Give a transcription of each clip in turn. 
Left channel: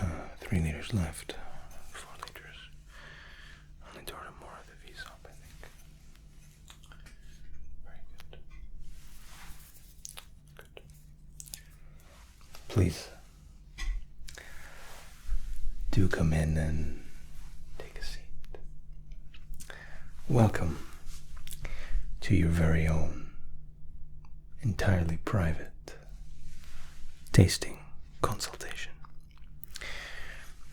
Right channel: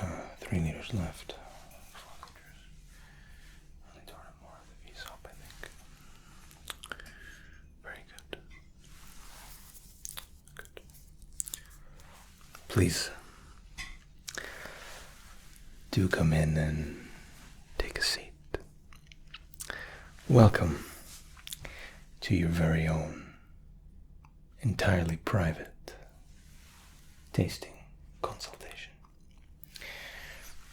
There's 3 liters left. 4 liters. I need to order more of the Aesop, I think. Very good. Good. Please do come in and take a seat. Welcome to your very own, entirely private tasting consultation.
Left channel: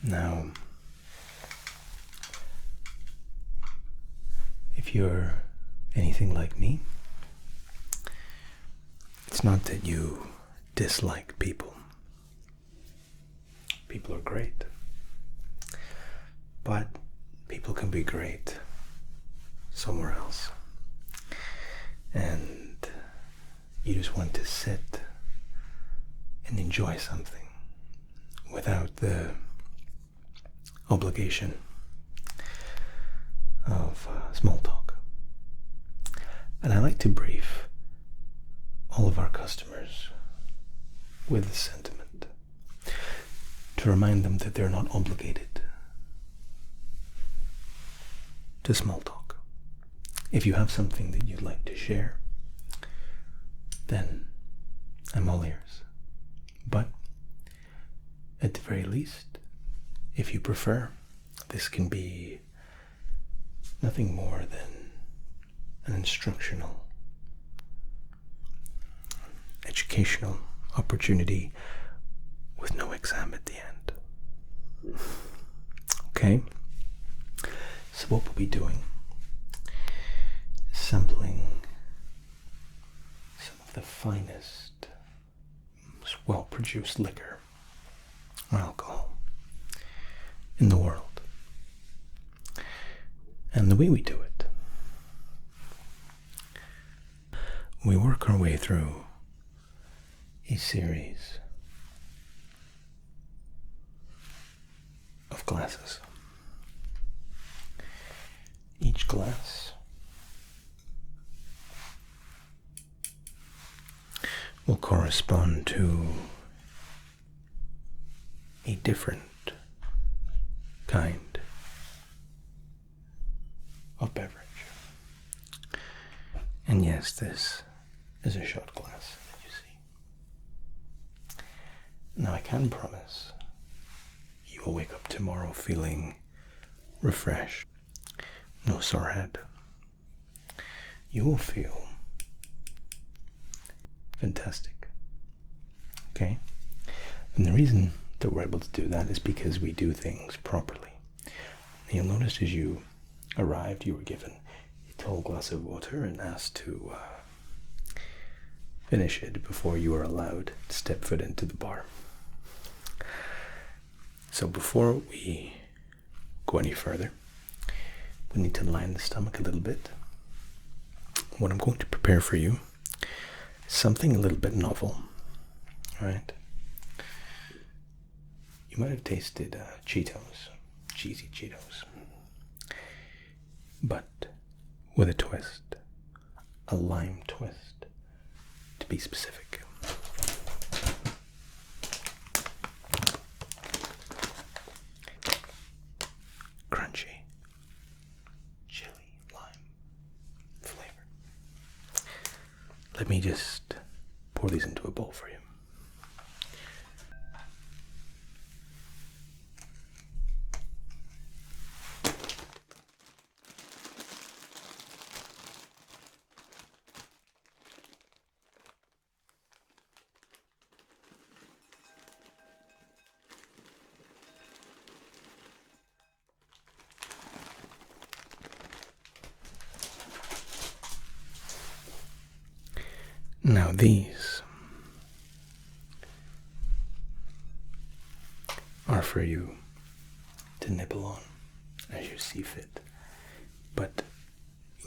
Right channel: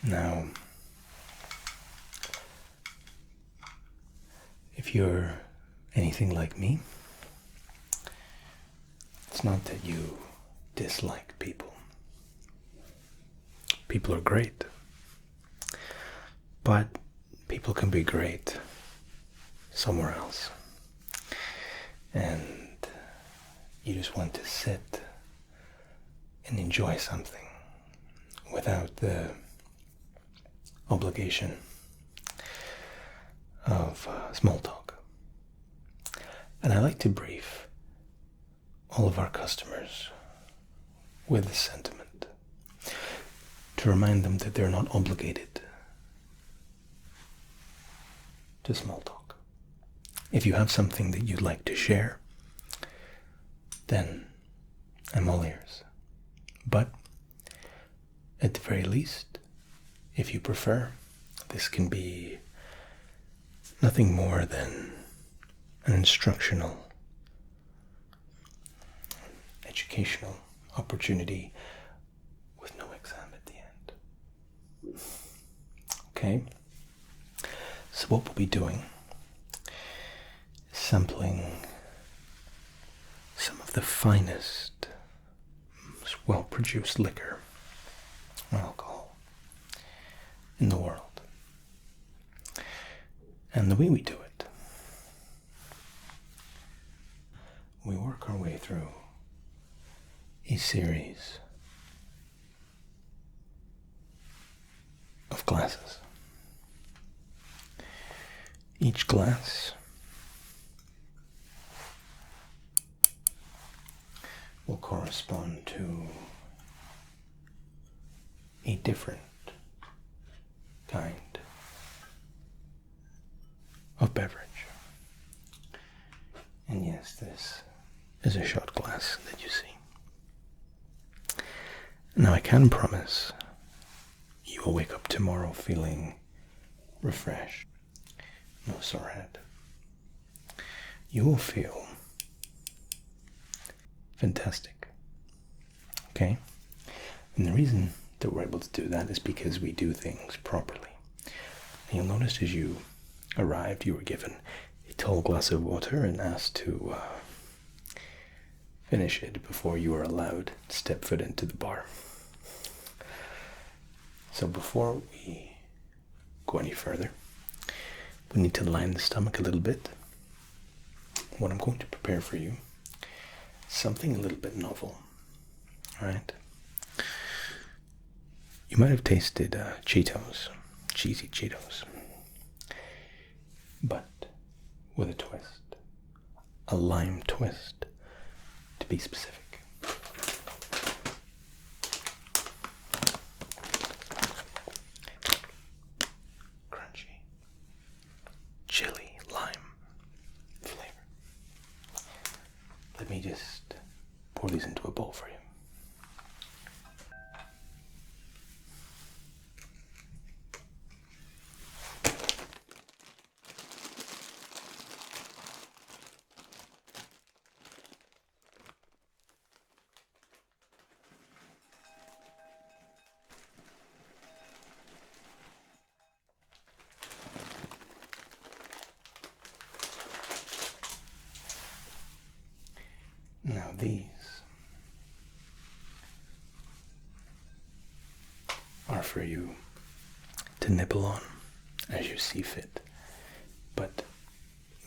Now, if you're anything like me, it's not that you dislike people. People are great. But people can be great somewhere else. And you just want to sit and enjoy something without the obligation of small talk. And I like to brief all of our customers with a sentiment to remind them that they're not obligated to small talk. If you have something that you'd like to share, then I'm all ears. But at the very least, if you prefer, this can be nothing more than an instructional, educational opportunity with no exam at the end. Okay? So what we'll be doing is sampling some of the finest, most well-produced liquor or alcohol in the world. And the way we do it, we work our way through a series of glasses. Each glass will correspond to a different kind of beverage. And yes, this is a shot glass that you see. Now I can promise you will wake up tomorrow feeling refreshed. No sore head. You will feel fantastic. Okay? And the reason that we're able to do that is because we do things properly. And you'll notice as you arrived, you were given a tall glass of water and asked to finish it before you were allowed to step foot into the bar. So before we go any further, we need to line the stomach a little bit. What I'm going to prepare for you is something a little bit novel. Alright? You might have tasted Cheetos, cheesy Cheetos, but with a twist, a lime twist, to be specific. Crunchy, chili, lime flavor. Let me just pour these into a bowl for you. Now these are for you to nibble on as you see fit, but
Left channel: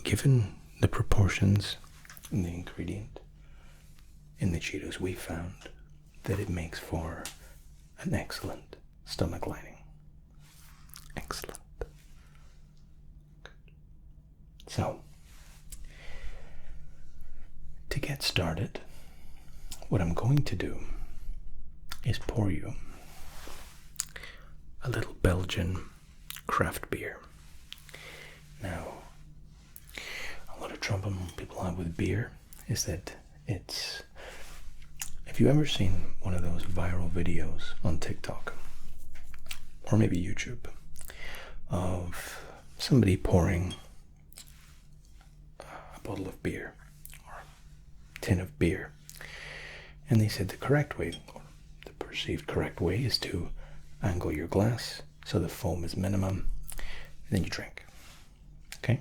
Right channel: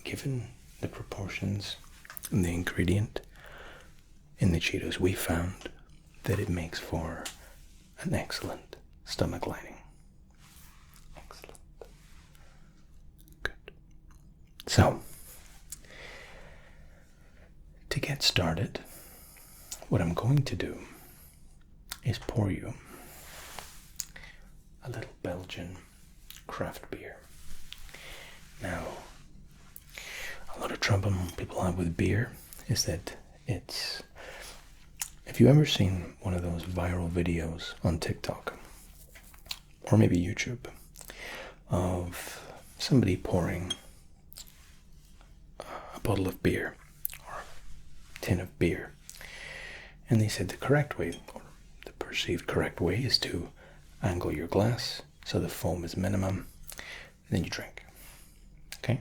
given the proportions and the ingredient in the Cheetos, we found that it makes for an excellent stomach lining. Excellent. Good. So, to get started, what I'm going to do is pour you a little Belgian craft beer. Now, a lot of trouble people have with beer is that it's... Have you ever seen one of those viral videos on TikTok, or maybe YouTube, of somebody pouring a bottle of beer, or a tin of beer, and they said the correct way, or the perceived correct way, is to angle your glass so the foam is minimum, and then you drink. Okay?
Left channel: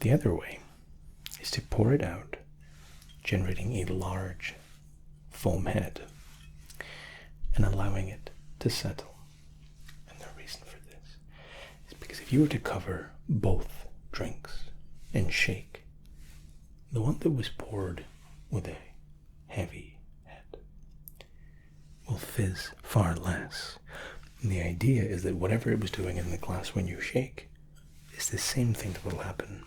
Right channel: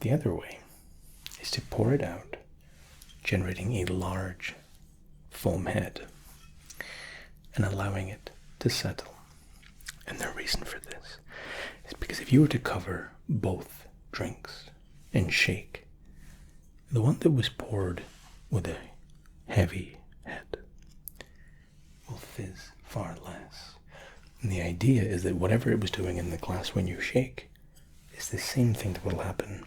The other way is to pour it out, generating a large foam head and allowing it to settle. And the reason for this is because if you were to cover both drinks and shake, the one that was poured with a heavy head will fizz far less. And the idea is that whatever it was doing in the glass when you shake is the same thing that will happen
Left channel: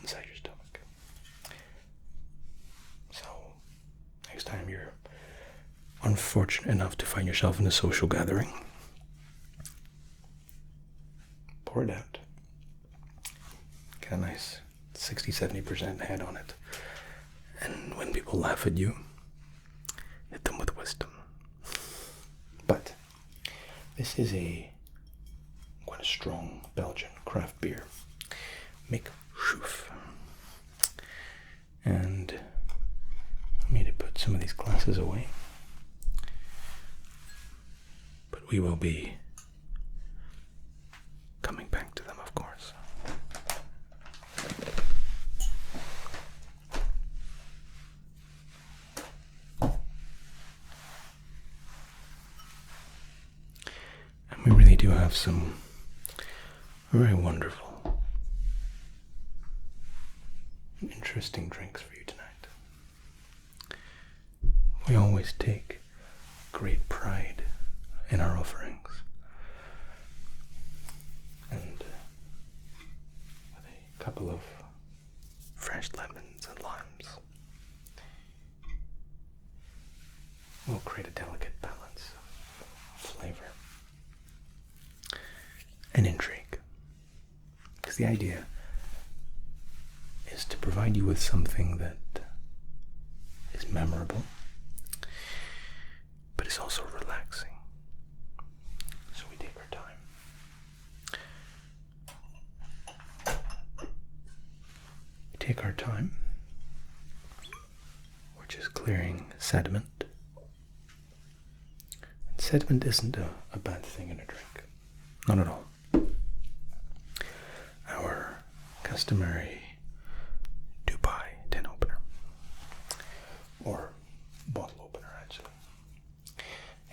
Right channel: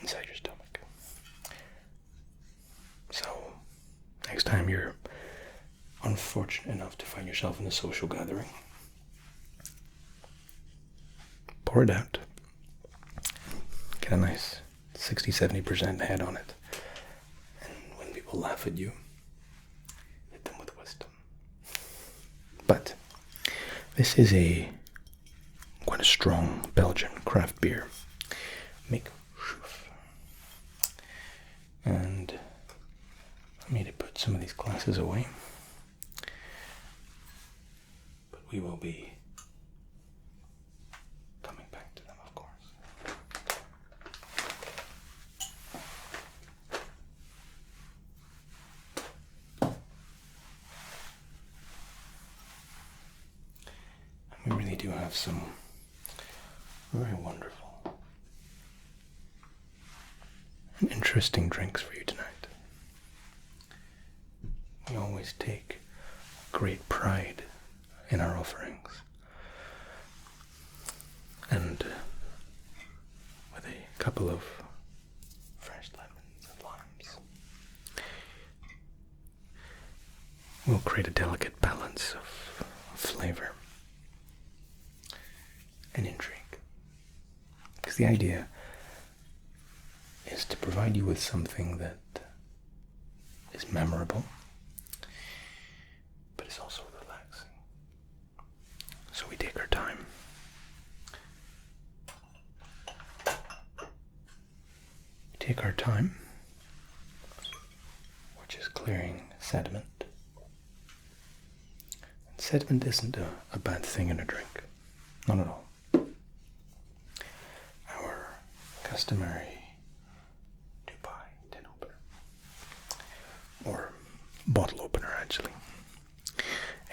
inside your stomach. So, next time you're unfortunate enough to find yourself in a social gathering, pour it out, get a nice 60-70% head on it, and when people laugh at you, hit them with wisdom. But this is quite a strong Belgian craft beer. Make shoof. And I need to put some of these glasses away. But we will be coming back to them, of course. And we really do have some very wonderful and interesting drinks for you tonight. We always take great pride in our offerings, and with a couple of fresh lemons and limes, we'll create a delicate balance of flavor and intrigue. Because the idea is to provide you with something that is memorable, but it's also relaxing. So we take our time. We take our time, which is clearing sediment. And sediment isn't a bad thing in a drink. Not at all. Our customary Dubai tin opener, or bottle opener actually,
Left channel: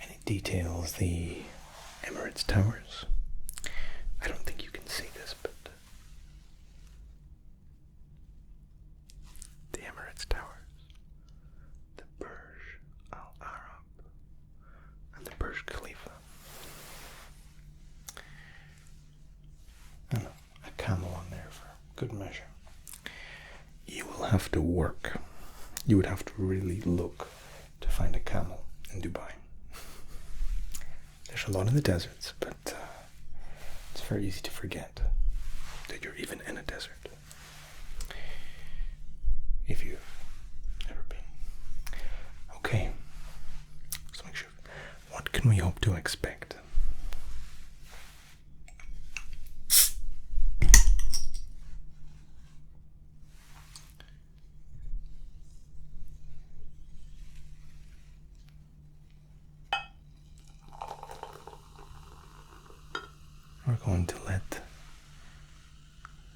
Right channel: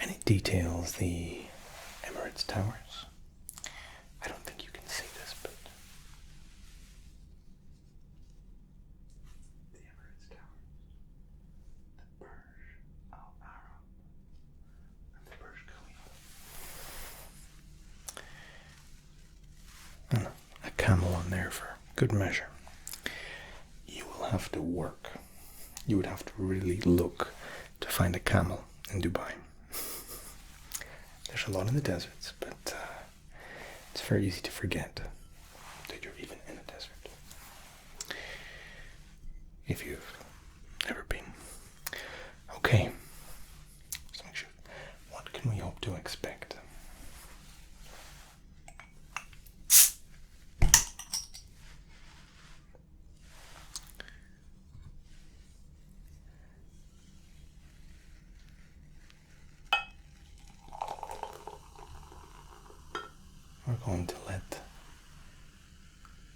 and it details the Emirates Towers. I don't think you can see this, but the Emirates Towers, the Burj Al Arab, and the Burj Khalifa. A camel on there for good measure. You will have to work. You would have to really look to find a camel in Dubai. There's a lot in the deserts, but it's very easy to forget that you're even in a desert if you've never been. Okay, so make sure. What can we hope to expect? We're going to let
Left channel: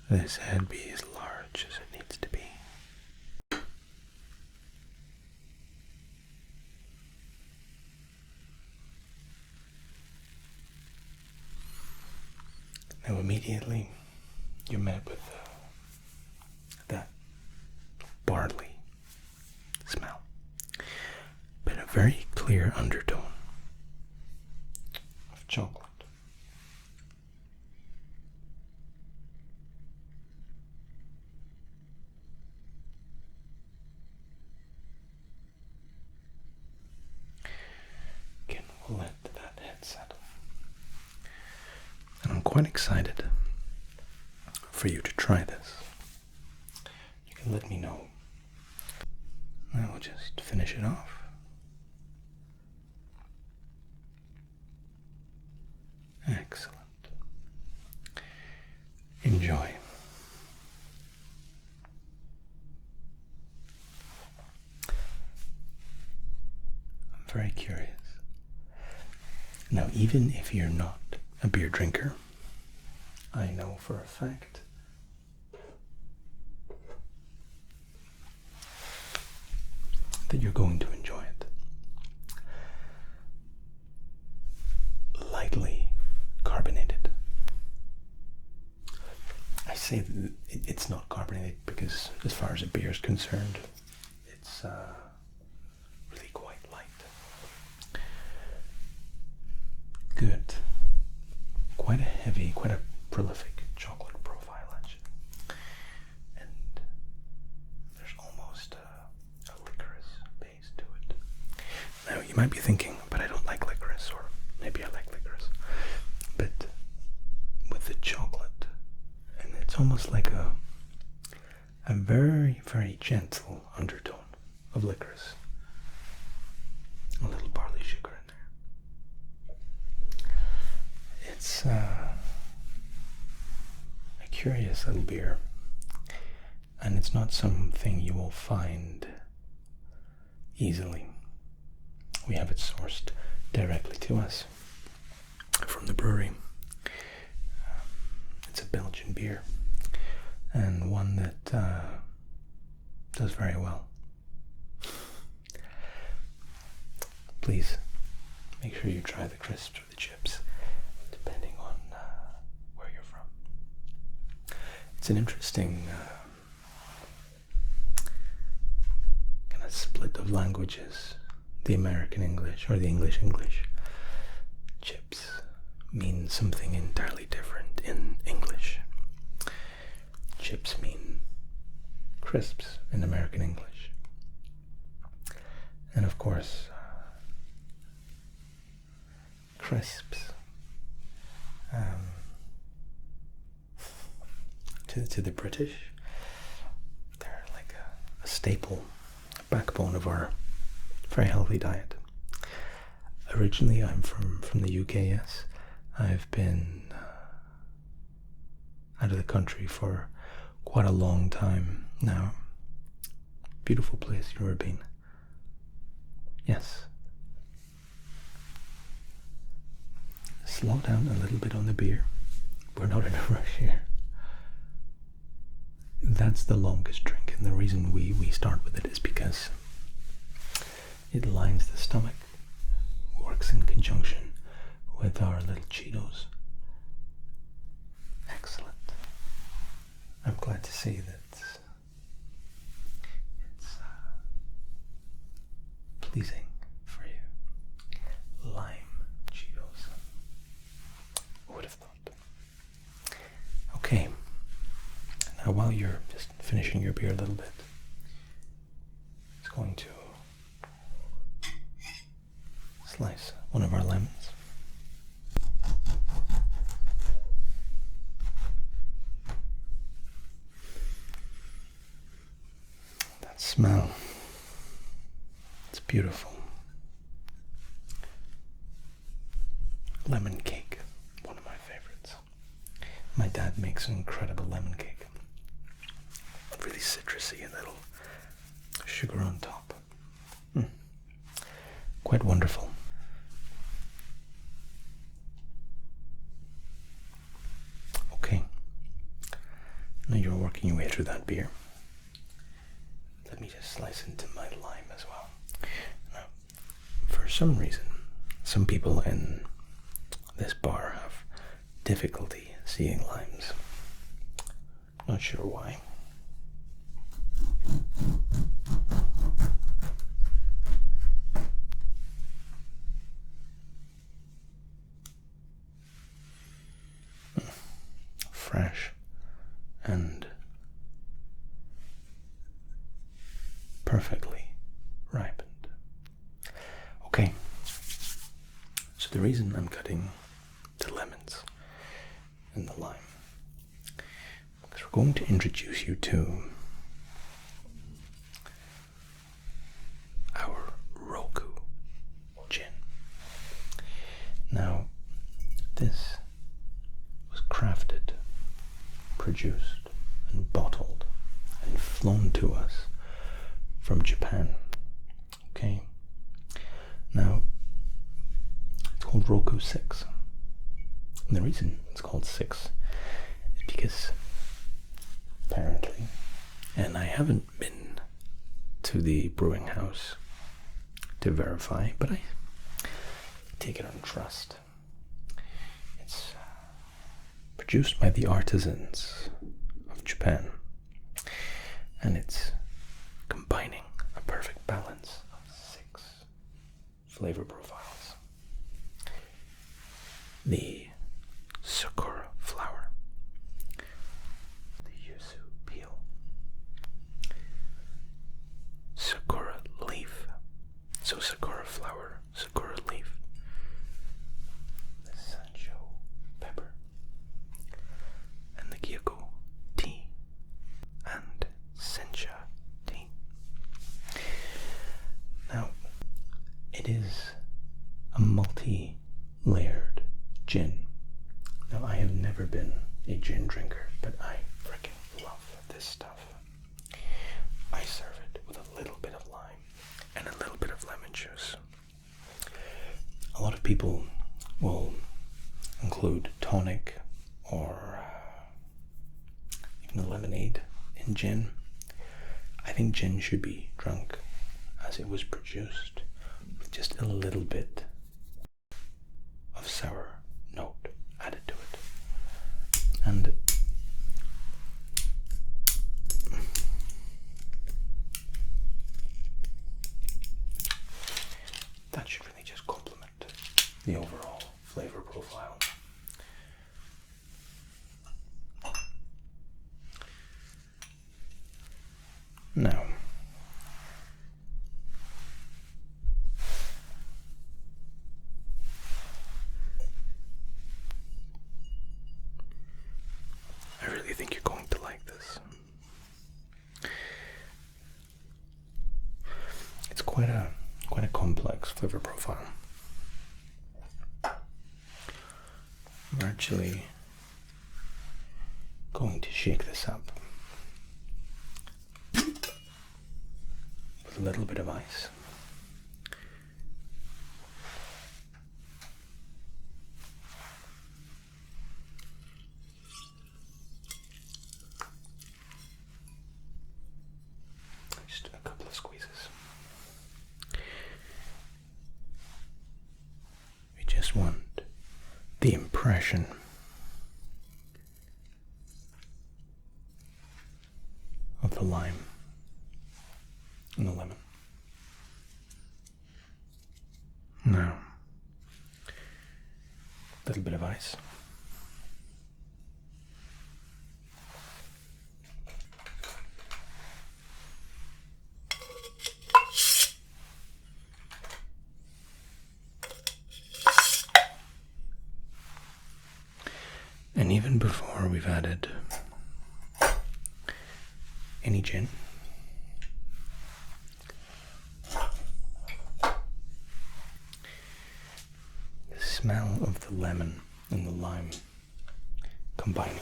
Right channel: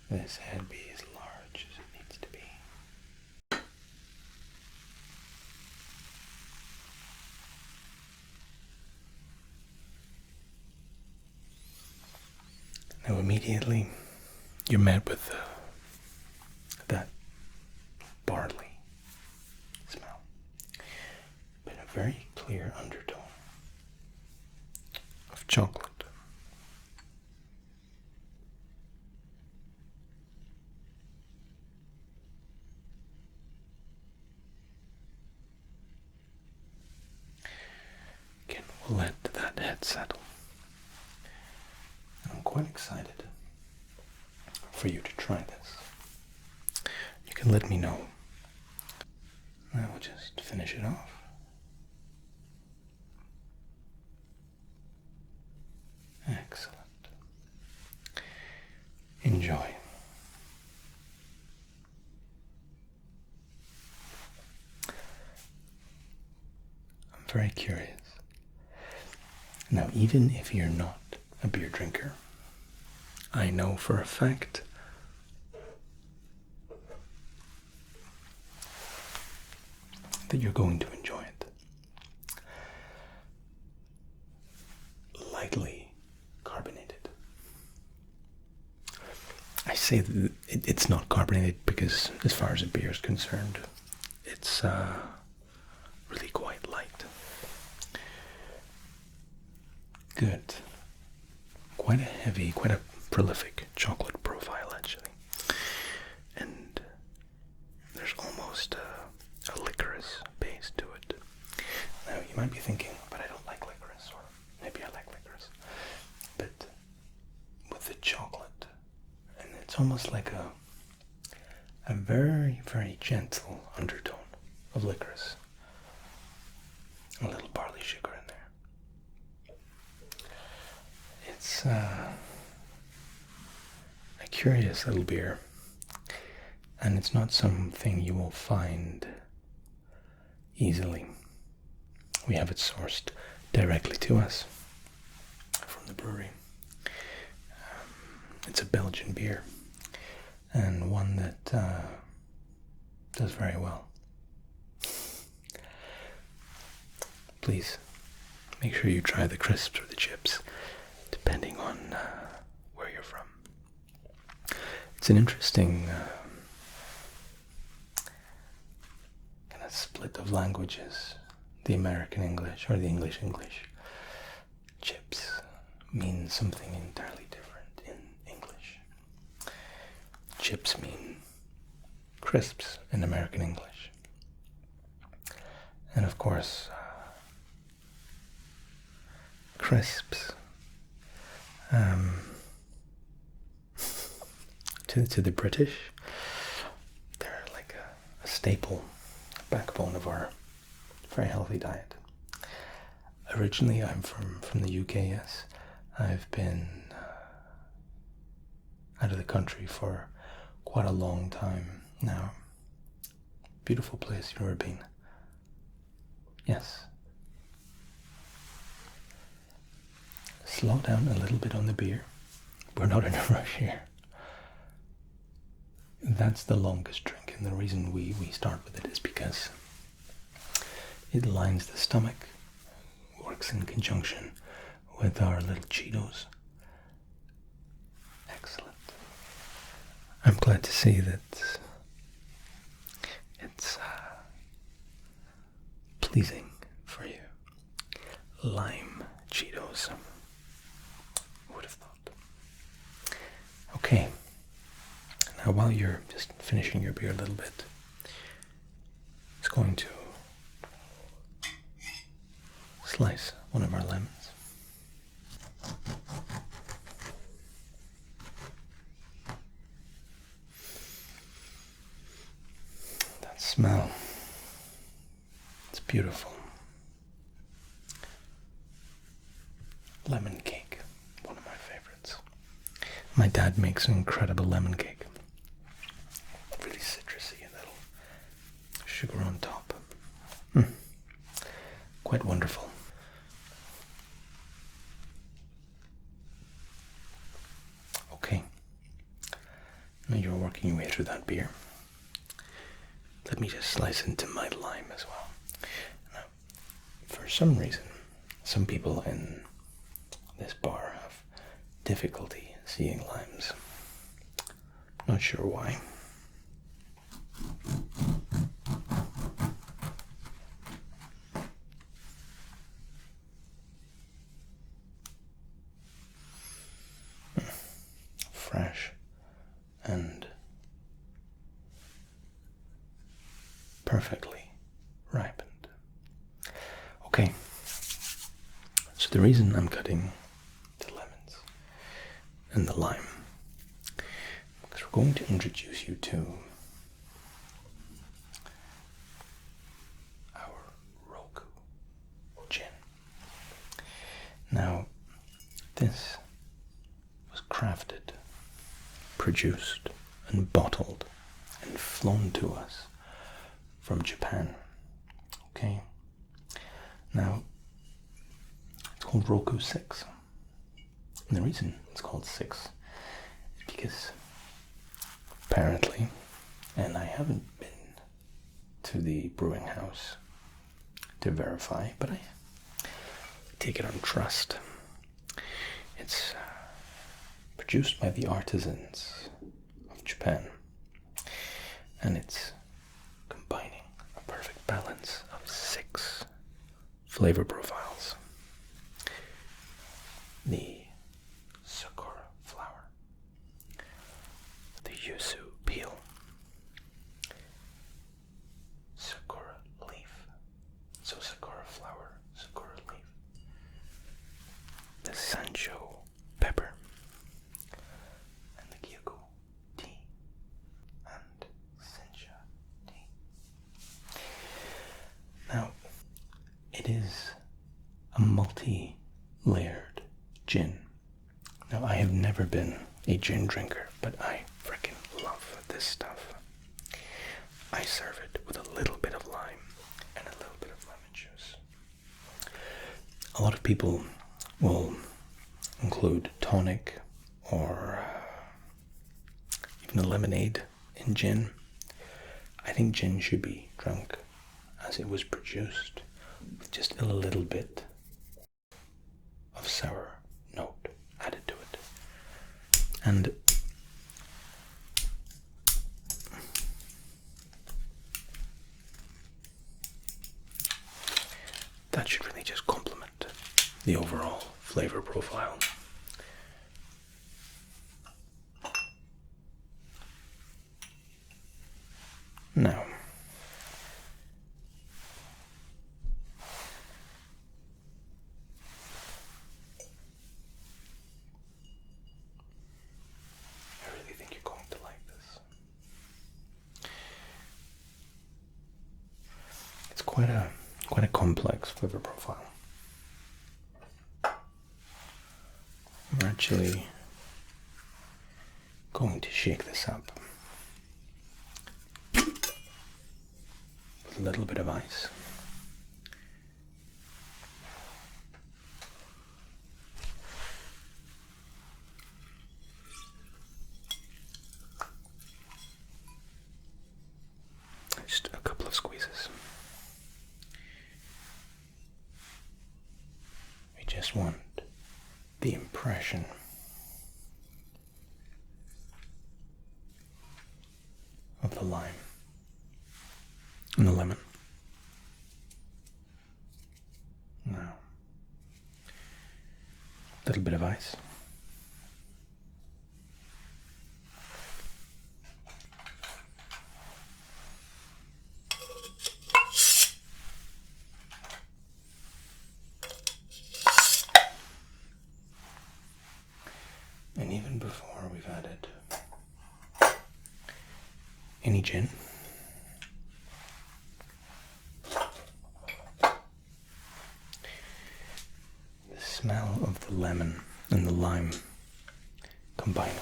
this head be as large as it needs to be. Now immediately you're met with that barley smell, but a very clear undertone of chocolate. Again, we'll let that head settle. And I'm quite excited for you to try this. You can let me know. I'll just finish it off. Excellent. Enjoy. I'm very curious. Now, even if you're not a beer drinker, I know for a fact that you're going to enjoy it. Lightly carbonated. I say that it's not carbonated because, as far as a beer is concerned, it's really quite light. Good. Quite a heavy, quite a prolific chocolate profile, actually. And there's almost a licorice base to it. Now, you might be thinking, but I don't like licorice, or maybe I like licorice. But with the chocolate, and it's almost like a very, very gentle undertone of licorice. A little barley sugar in there. It's a curious little beer, and it's not something you will find easily. We have it sourced directly to us from the brewery. It's a Belgian beer, and one that does very well. Please make sure you try the crisps or the chips, depending on where you're from. It's an interesting kind of split of languages. The American English or the English. Chips mean something entirely different in English. Chips mean crisps in American English. And of course, crisps to the British, they're like a staple, backbone of our very healthy diet. Originally, I'm from the UK, yes. I've been out of the country for quite a long time now. Beautiful place, you've ever been? Yes. Slow down a little bit on the beer. We're not in a rush here. That's the longest drink, and the reason we start with it is because it lines the stomach, works in conjunction with our little Cheetos. Excellent. I'm glad to see that it's pleasing for you. Lime Cheetos. Who would have thought? Okay. Now, while you're just finishing your beer a little bit, it's going to slice one of our lemons. That smell, it's beautiful. Lemon cake, one of my favorites. My dad makes an incredible lemon cake. Really citrusy and little sugar on top. Quite wonderful. Okay. Now you're working your way through that beer. Let me just slice into my lime as well. Now, for some reason, some people in this bar have difficulty seeing limes. Not sure why. Fresh and perfectly ripened. Okay, so the reason I'm cutting the lemons and the lime, because we're going to introduce you to our Roku gin. Now, this was crafted, produced, and bottled and flown to us from Japan. Okay? Now, it's called Roku 6. And the reason it's called 6 is because apparently, and I haven't been to the brewing house to verify, but I take it on trust. It's produced by the artisans of Japan, and it's combining a perfect balance of 6 flavor profiles. The sakura flower, the yuzu peel, sakura leaf, so sakura flower, sakura leaf, the sancho pepper, and the gyoko tea, and sencha tea. Now, it is a multi-layered gin. Now, I have never been a gin drinker, but I freaking love this stuff. I serve it with a little bit of lime and a little bit of lemon juice. A lot of people will include tonic or even a lemonade in gin. I think gin should be drunk as it was produced, with just a little bit of sour note added to it. And that should really just complement the overall flavor profile. Now, I really think you're going to like this. It's quite a complex flavor profile. I'm actually going to shake this up with a little bit of ice. Just a couple of squeezes. I just want the impression of the lime and the lemon. Now, a little bit of ice. And even before we've added any gin, the smell of the lemon and the lime combining,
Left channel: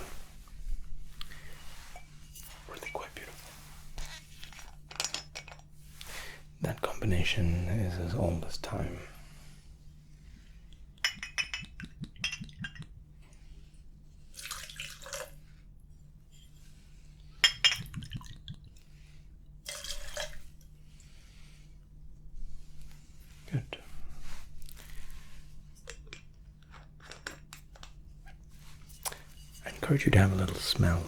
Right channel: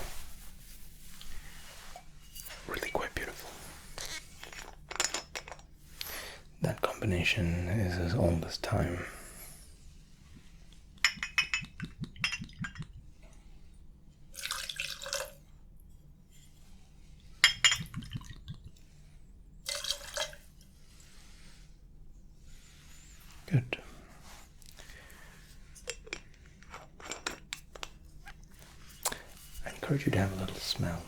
really quite beautiful. That combination is as old as time. Good. I encourage you to have a little smell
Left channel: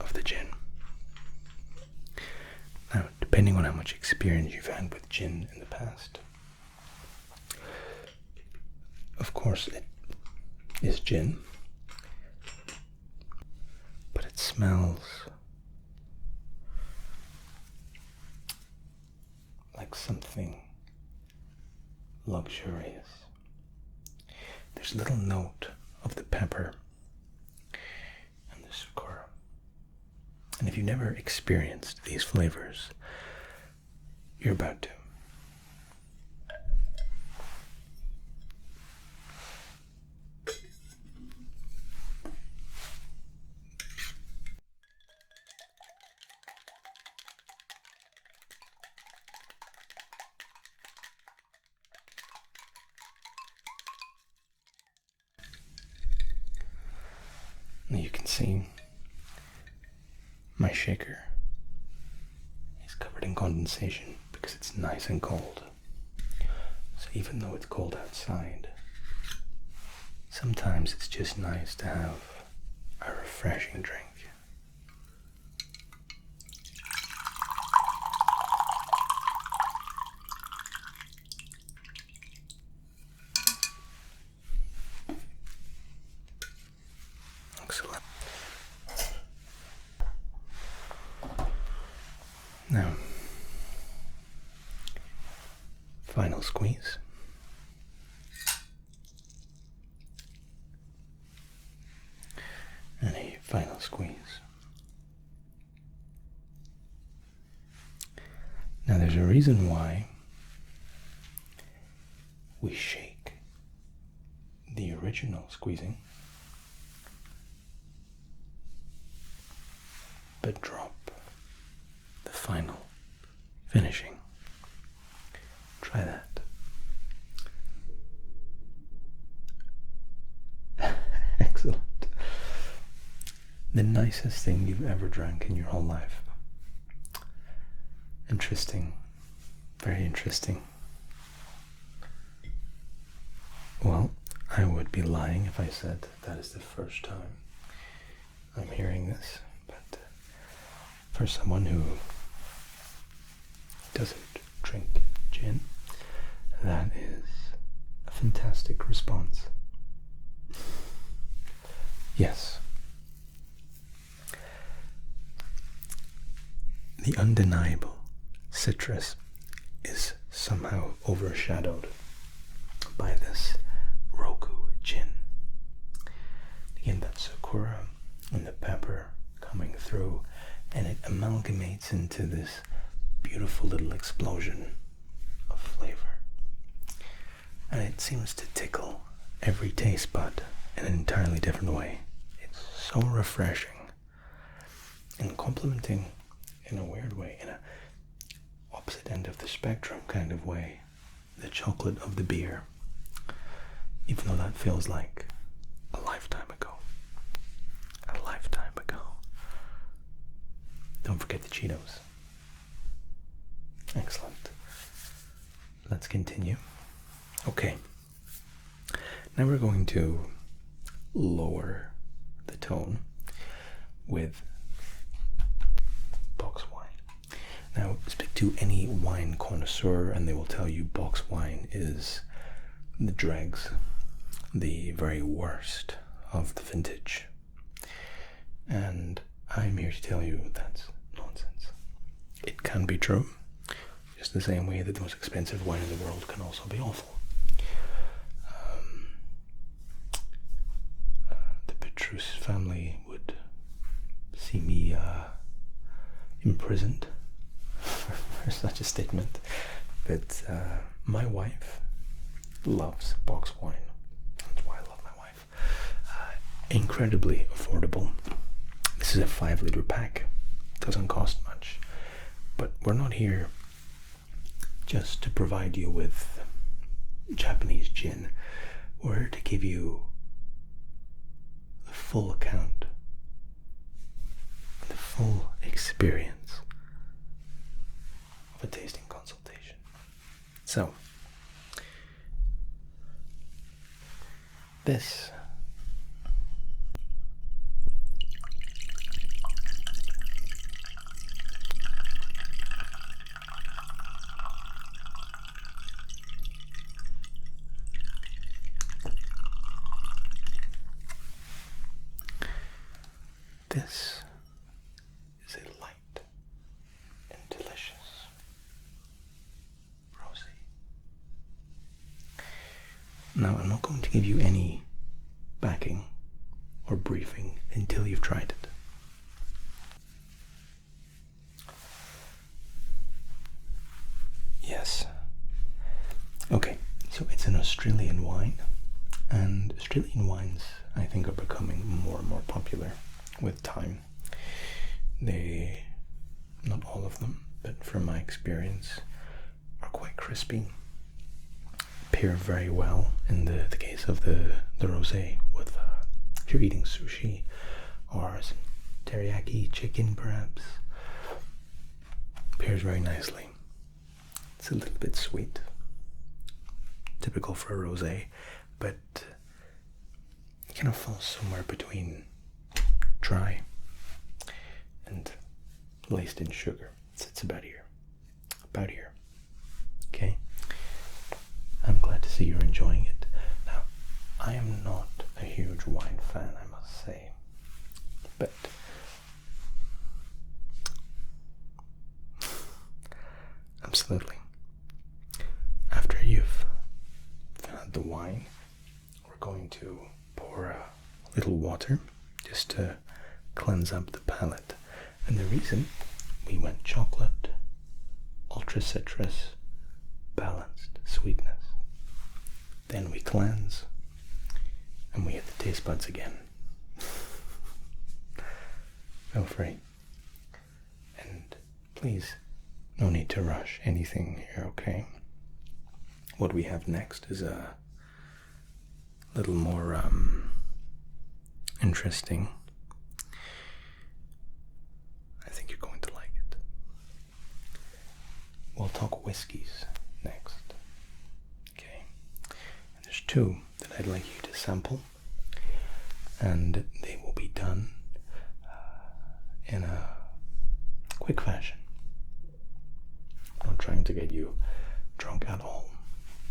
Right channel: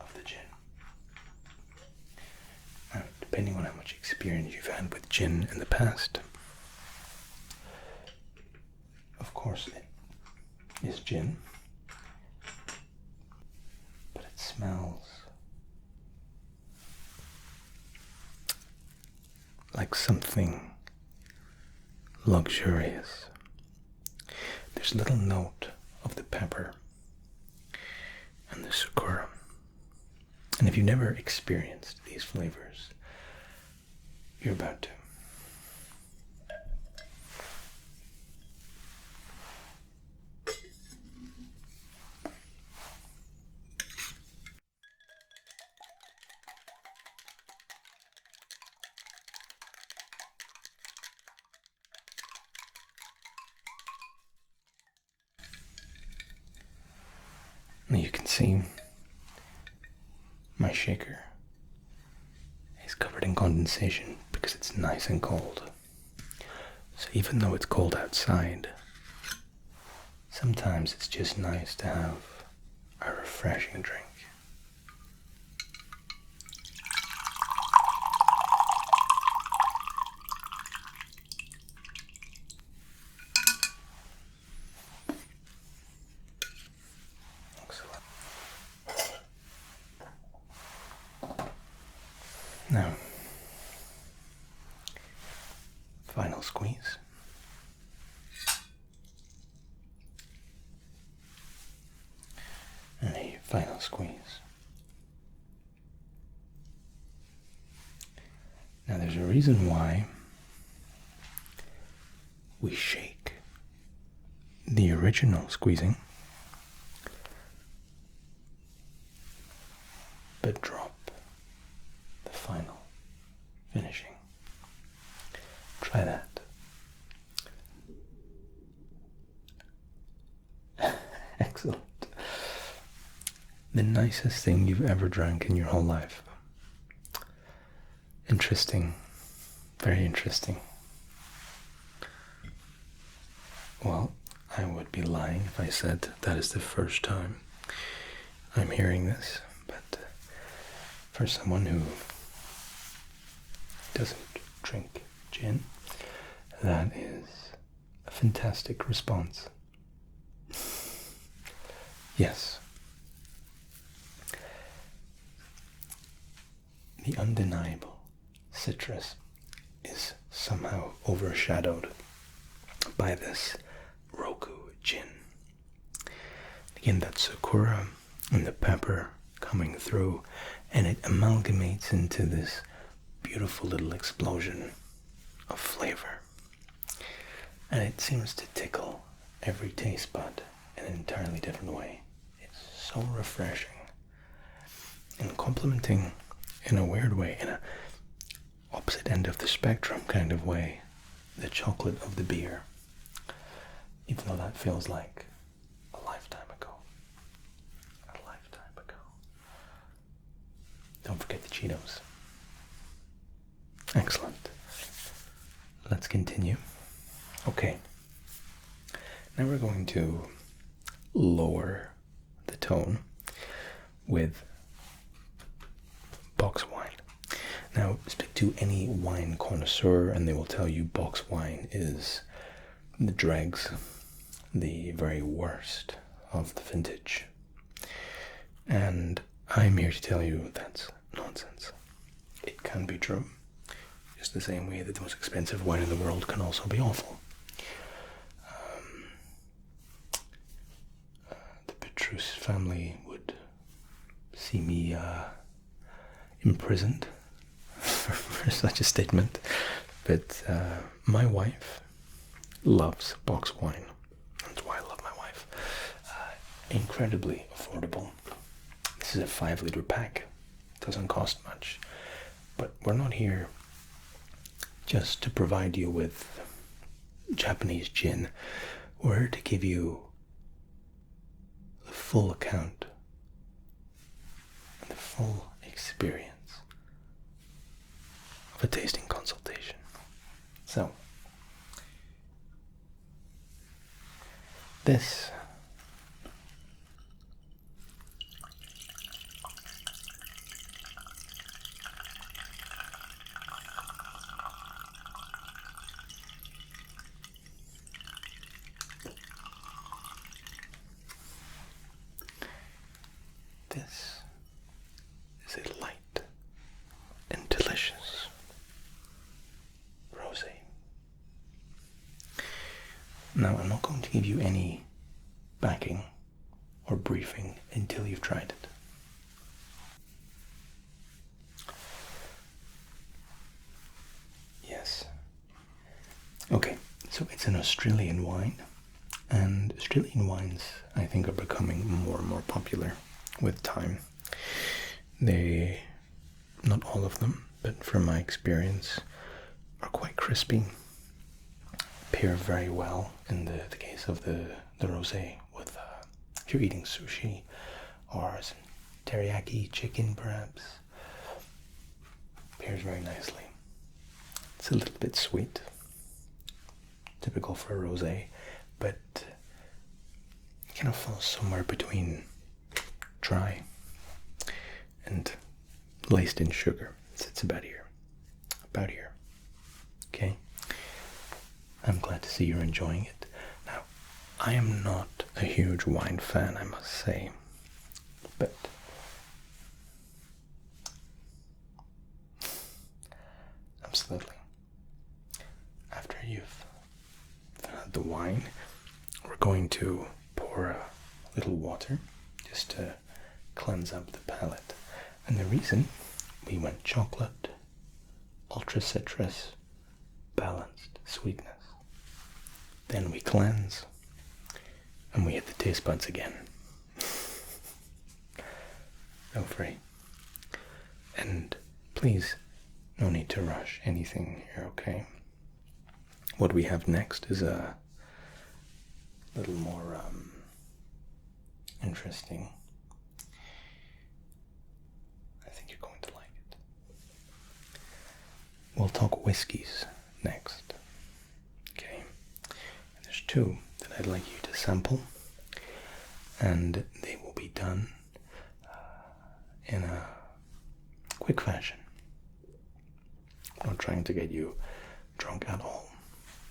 of the gin. Now, depending on how much experience you've had with gin in the past, of course it is gin, but it smells like something luxurious. There's a little note of the pepper and the sakura. And if you've never experienced these flavors, you're about to. And you can see my shaker is covered in condensation because it's nice and cold. So even though it's cold outside, sometimes it's just nice to have a refreshing drink. Excellent. Now, final squeeze. And a final squeeze. Now there's a reason why we shake the original squeezing, but drop the final finishing. Try that. Excellent. The nicest thing you've ever drank in your whole life. Interesting. Very interesting. Well, I would be lying if I said that is the first time I'm hearing this, but for someone who doesn't drink gin, that is a fantastic response. Yes. The undeniable citrus is somehow overshadowed by this Roku gin. Again, that sakura and the pepper coming through, and it amalgamates into this beautiful little explosion of flavor. And it seems to tickle every taste bud in an entirely different way. It's so refreshing and complementing in a weird way, in a opposite end of the spectrum kind of way, the chocolate of the beer, even though that feels like a lifetime ago. A lifetime ago. Don't forget the Cheetos. Excellent. Let's continue. Okay. Now we're going to lower the tone with box wine. Now, speak to any wine connoisseur and they will tell you box wine is the dregs, the very worst of the vintage. And I'm here to tell you that's nonsense. It can be true, just the same way that the most expensive wine in the world can also be awful. The Petrus family would see me imprisoned for such a statement, but my wife loves box wine. That's why I love my wife. Incredibly affordable. This is a 5-liter pack. Doesn't cost much, but we're not here just to provide you with Japanese gin. We're here to give you the full account, the full experience of a tasting consultation. So, this is a light and delicious rosé. Now, I'm not going to give you any backing or briefing until you've tried it. Yes. Okay, so it's an Australian wine, and Australian wines, I think, are becoming more and more popular with time. They, not all of them, but from my experience, are quite crispy, pair very well in the case of the rosé with if you're eating sushi or some teriyaki chicken perhaps, pairs very nicely. It's a little bit sweet, typical for a rosé, but it kind of falls somewhere between dry and laced in sugar. It's about here. About here. Okay? I'm glad to see you're enjoying it. Now, I am not a huge wine fan, I must say, but absolutely. After you've had the wine, we're going to pour a little water just to cleanse up the palate. And the reason we went chocolate, ultra citrus, balanced sweetness. Then we cleanse and we hit the taste buds again. Feel free. And please, no need to rush anything here, okay? What we have next is a little more interesting. I think you're going to like it. We'll talk whiskeys next. Okay. And there's two that I'd like you to sample, and they will be done in a quick fashion. I'm not trying to get you drunk at all.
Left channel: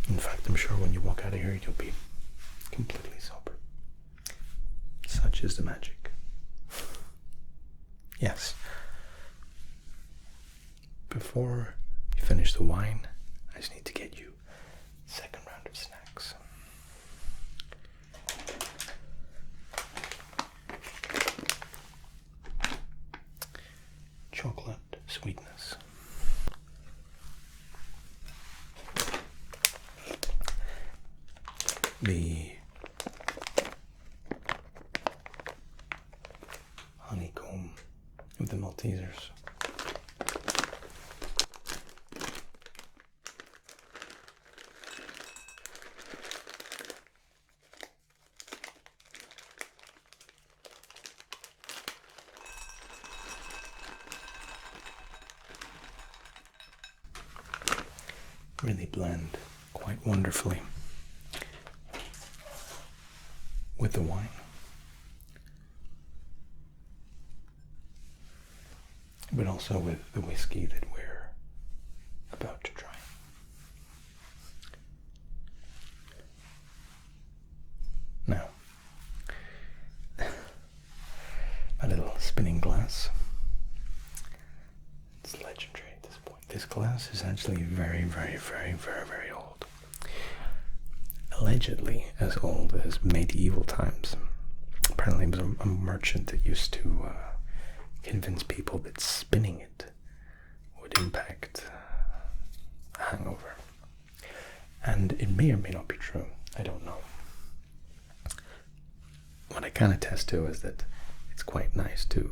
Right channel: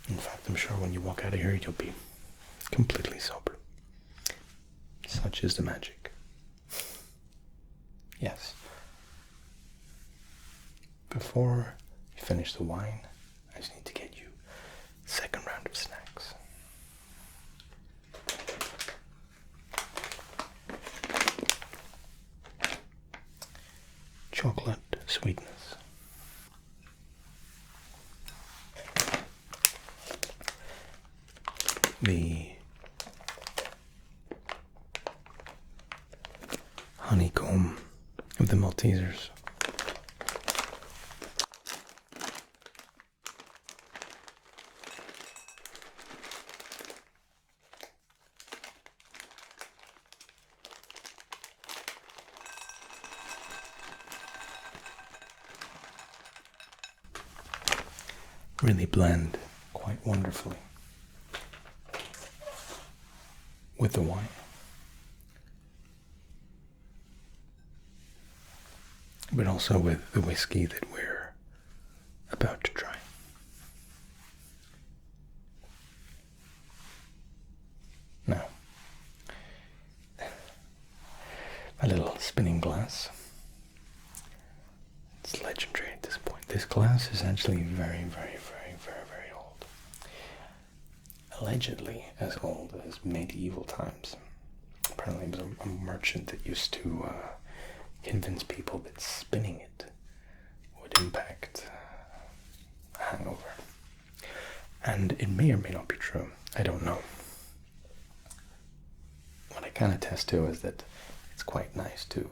In fact, I'm sure when you walk out of here, you'll be completely sober. Such is the magic. Yes. Before you finish the wine, I just need to get you a second round of snacks. Chocolate sweetness. The honeycomb of the Maltesers. Really blend quite wonderfully with the wine. But also with the whiskey that we're about to try. Now, my little spinning glass. It's legendary at this point. This glass is actually very, very, very, very, very old. Allegedly as old as medieval times. Apparently it was a merchant that used to convince people that spinning it would impact a hangover. And it may or may not be true. I don't know. What I can attest to is that it's quite nice to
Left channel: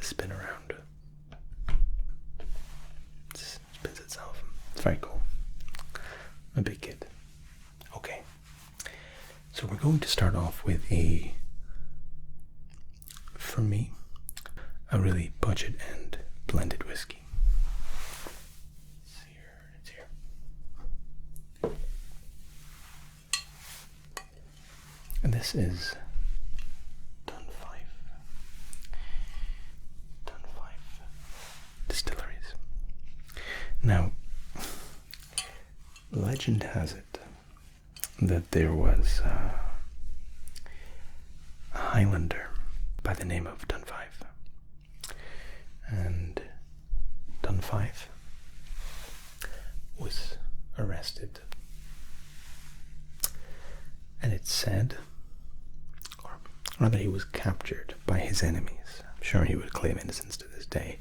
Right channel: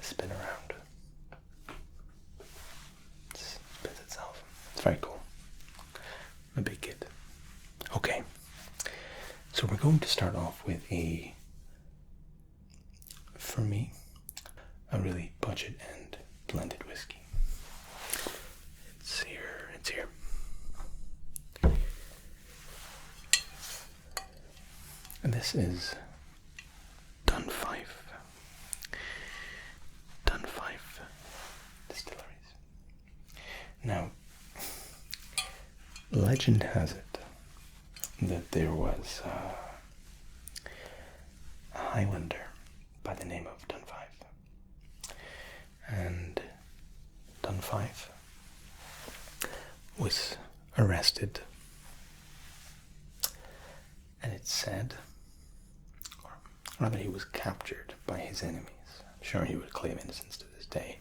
spin around. It spins itself. It's very cool. I'm a big kid. Okay. So we're going to start off with for me, a really budget and blended whiskey. It's here. And this is Dunfife Distilleries. Now, legend has it that there was a Highlander by the name of Dunfife, and Dunfife was arrested and it's said, or rather he was captured by his enemies. I'm sure he would claim innocence to this day,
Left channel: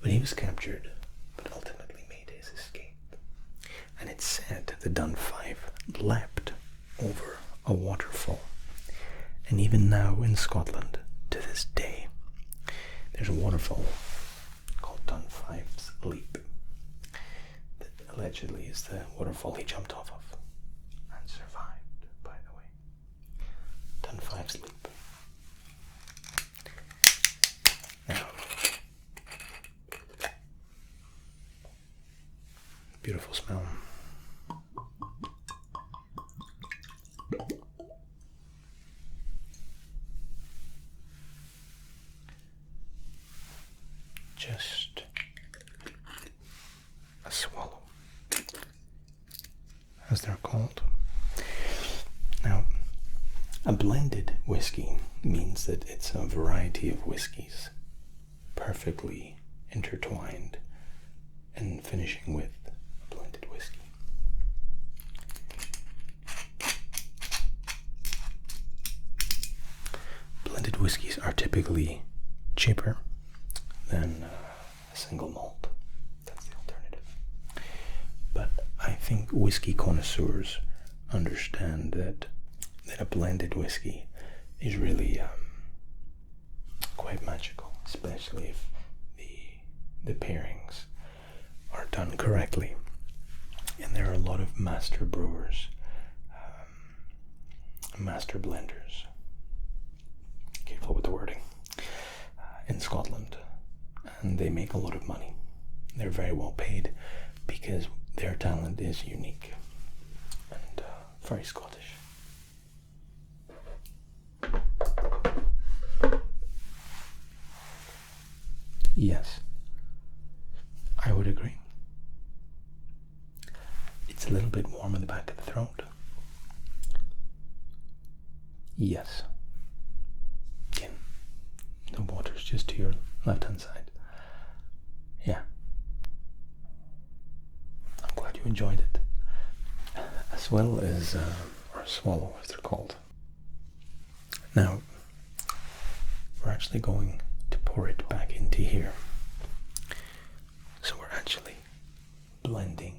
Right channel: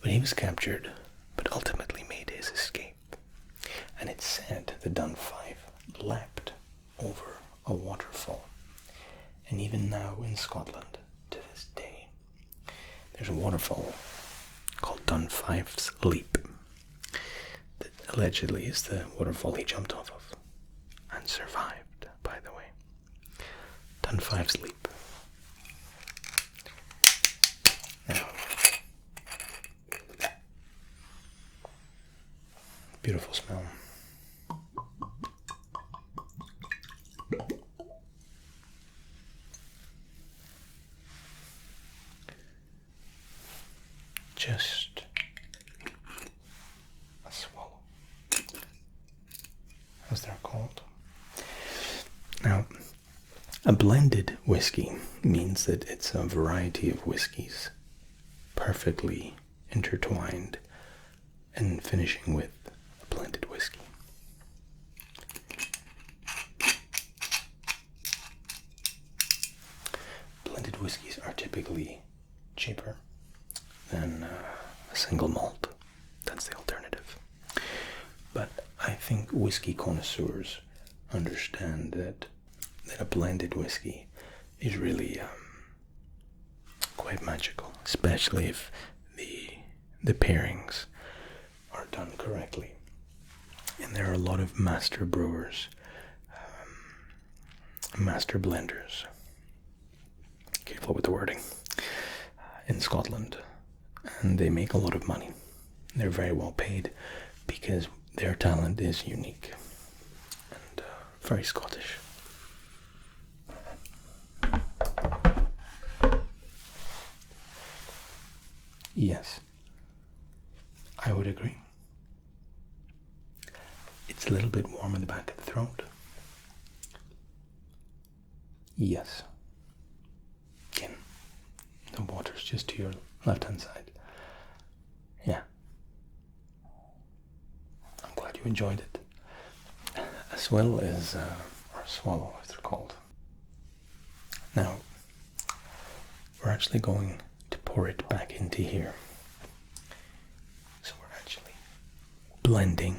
but he was captured, but ultimately made his escape. And it's said that Dunfive leapt over a waterfall. And even now in Scotland, to this day, there's a waterfall called Dunfive's Leap that allegedly is the waterfall he jumped off of and survived, by the way. Dunfive's Leap. Now, beautiful smell. Just a swallow, as they're called. Now, a blended whiskey means that it's a variety of whiskeys perfectly intertwined and finishing with a blended whiskey. Blended whiskeys are typically cheaper than a single malt. That's the alternative. But I think whiskey connoisseurs understand that a blended whiskey is really quite magical, especially if the pairings are done correctly. And there are a lot of master brewers, master blenders, careful with the wording, in Scotland. And they make a lot of money. They're very well paid because their talent is unique and very Scottish. Yes, I would agree. It's a little bit warm in the back of the throat. Yes. Again, the water's just to your left-hand side. Yeah. I'm glad you enjoyed it. As well as, or swallow as they're called. Now, we're actually going to pour it back into here. So we're actually blending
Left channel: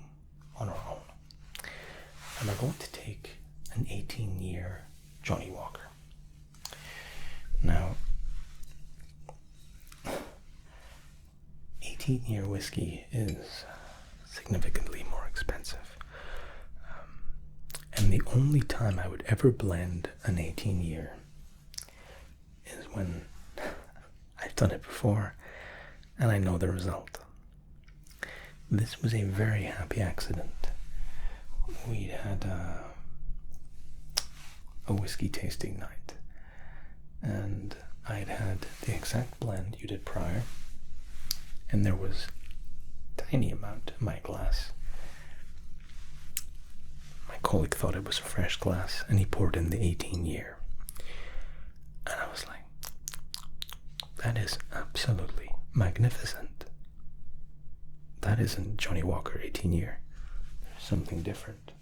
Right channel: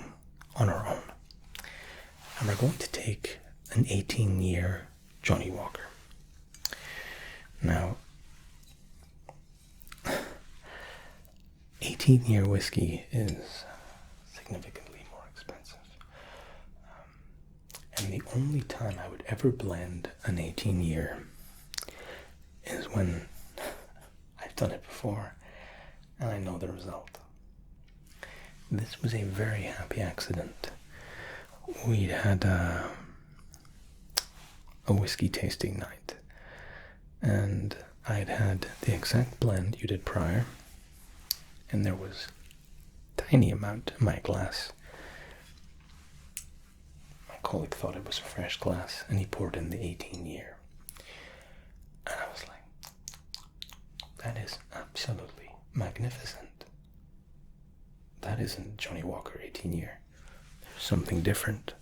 on our own. And we're going to take an 18-year Johnny Walker. Now, 18-year whiskey is significantly more expensive. And the only time I would ever blend an 18-year is when I've done it before and I know the result. This was a very happy accident. We had a whiskey tasting night, and I'd had the exact blend you did prior, and there was a tiny amount in my glass. My colleague thought it was a fresh glass, and he poured in the 18-year. And I was like, that is absolutely magnificent. That isn't Johnny Walker 18-year. There's something different.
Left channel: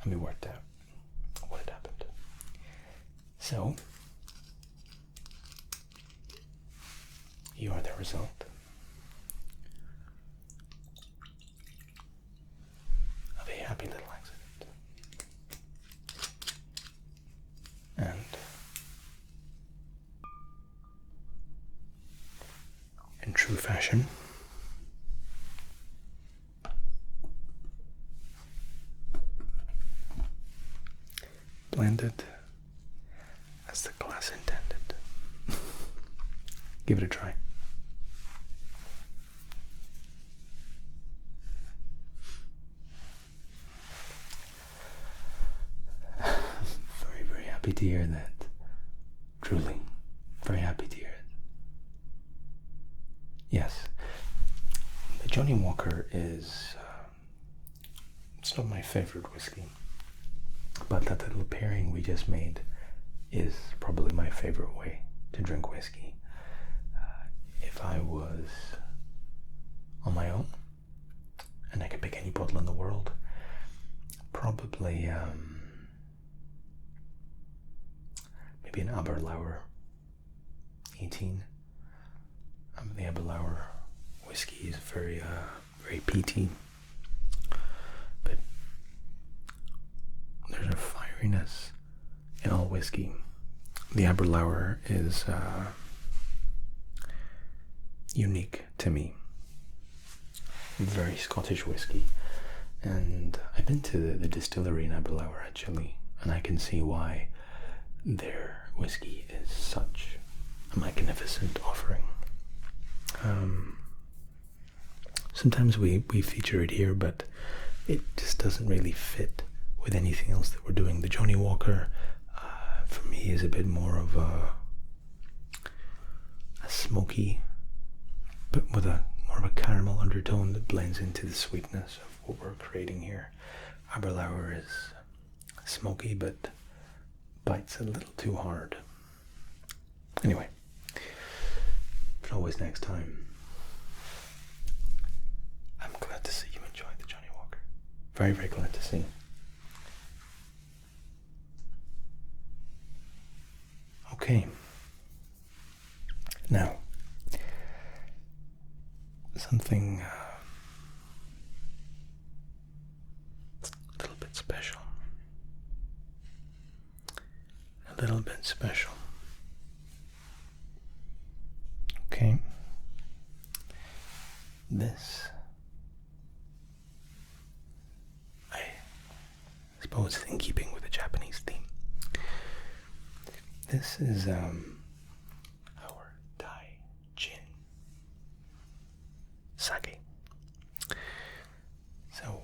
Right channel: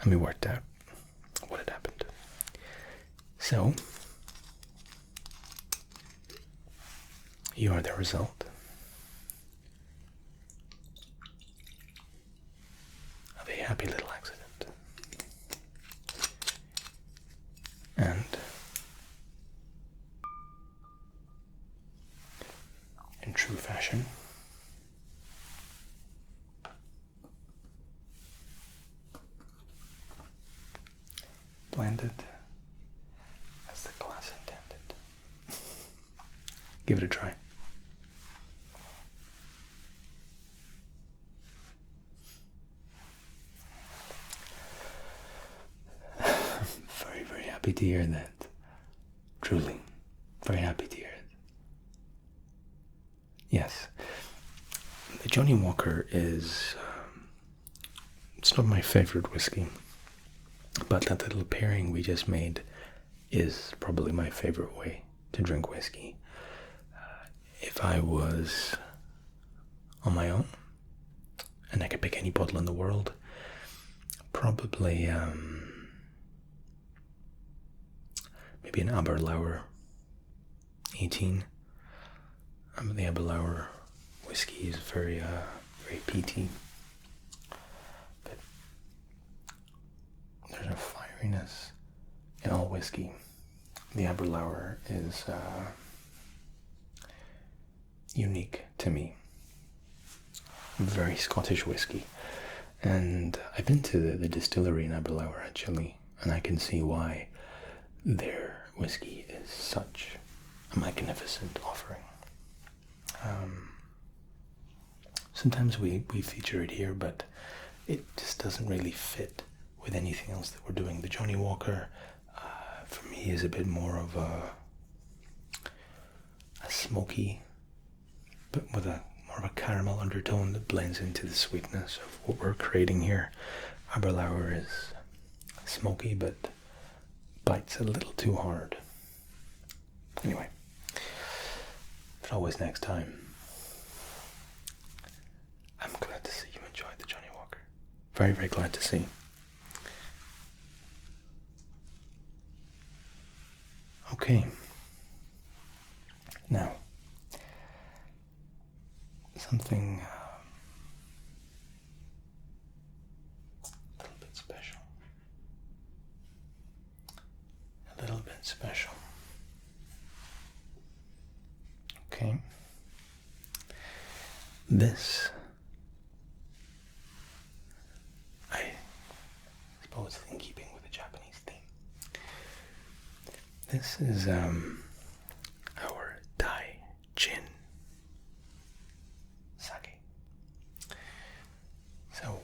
And we worked out what had happened. So, you are the result of a happy little accident. And in true fashion, blended as the glass intended. Give it a try. Very, very happy to hear that. Truly, very happy to hear it. Yes, the Johnny Walker is, it's not my favorite whiskey, but that little pairing we just made is probably my favorite way to drink whiskey. If I was on my own and I could pick any bottle in the world, probably maybe an Aberlour 18. The Aberlour whiskey is very peaty, but there's a fieriness in all whiskey. The Aberlour is unique to me. Very Scottish whiskey, and I've been to the distillery in Aberlour actually, and I can see why their whiskey is such a magnificent offering. Sometimes we feature it here, but it just doesn't really fit with anything else that we're doing. The Johnny Walker, for me, is a bit more of a smoky, but with more of a caramel undertone that blends into the sweetness of what we're creating here. Aberlour is smoky, but bites a little too hard. Anyway, but always next time. I'm glad to see you enjoyed the Johnny Walker. Very, very glad to see. Okay. Now, something a little bit special. A little bit special. Okay. This, I suppose, is in keeping with the Japanese theme. This is our Dai Gin Sake. So,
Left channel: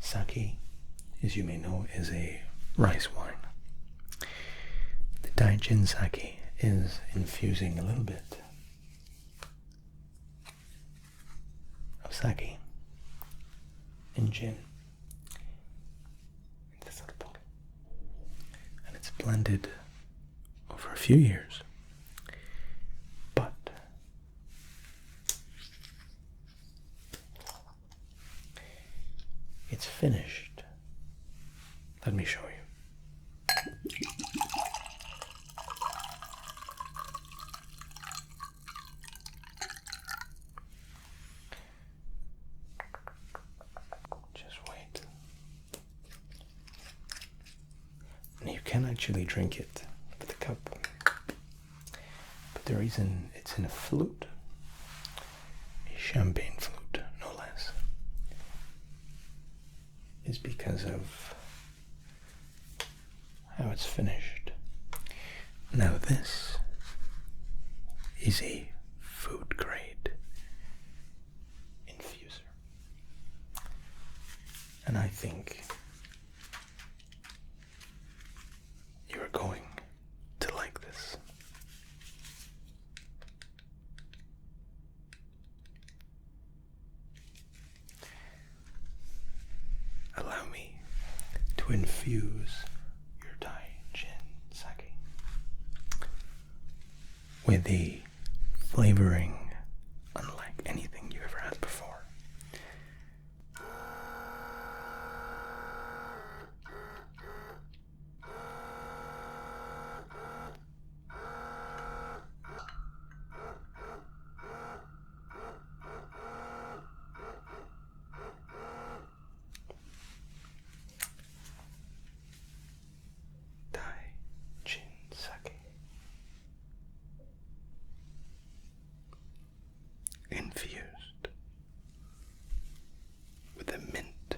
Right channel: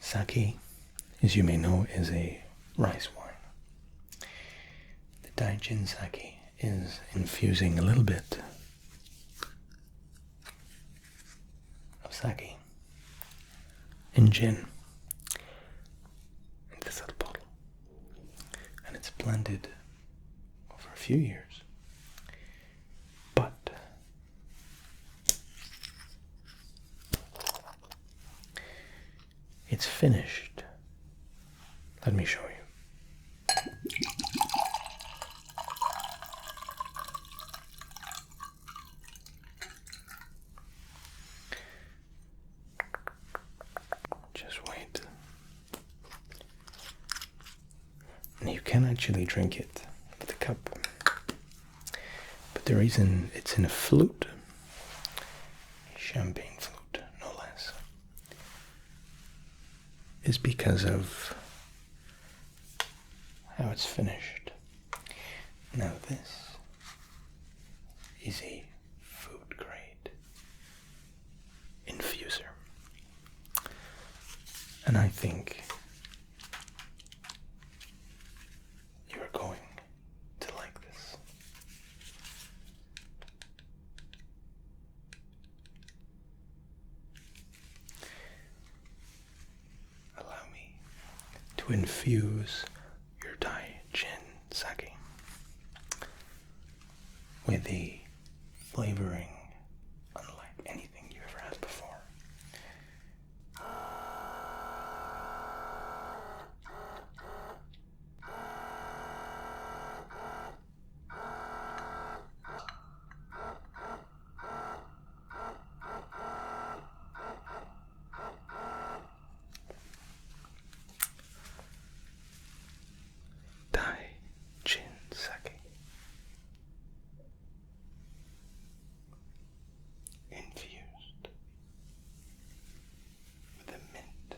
sake, as you may know, is a rice wine. The Dai Gin Sake is infusing a little bit of sake in gin into this little bottle, and it's blended over a few years, but it's finished. Let me show you. You can actually drink it with a cup, but the reason it's in a flute, a champagne flute no less, is because of how it's finished. Now this is a food grade infuser, and I think going to like this. Allow me to infuse your Dai Gin Sake with the flavoring unlike anything you ever had before. Infused with the mint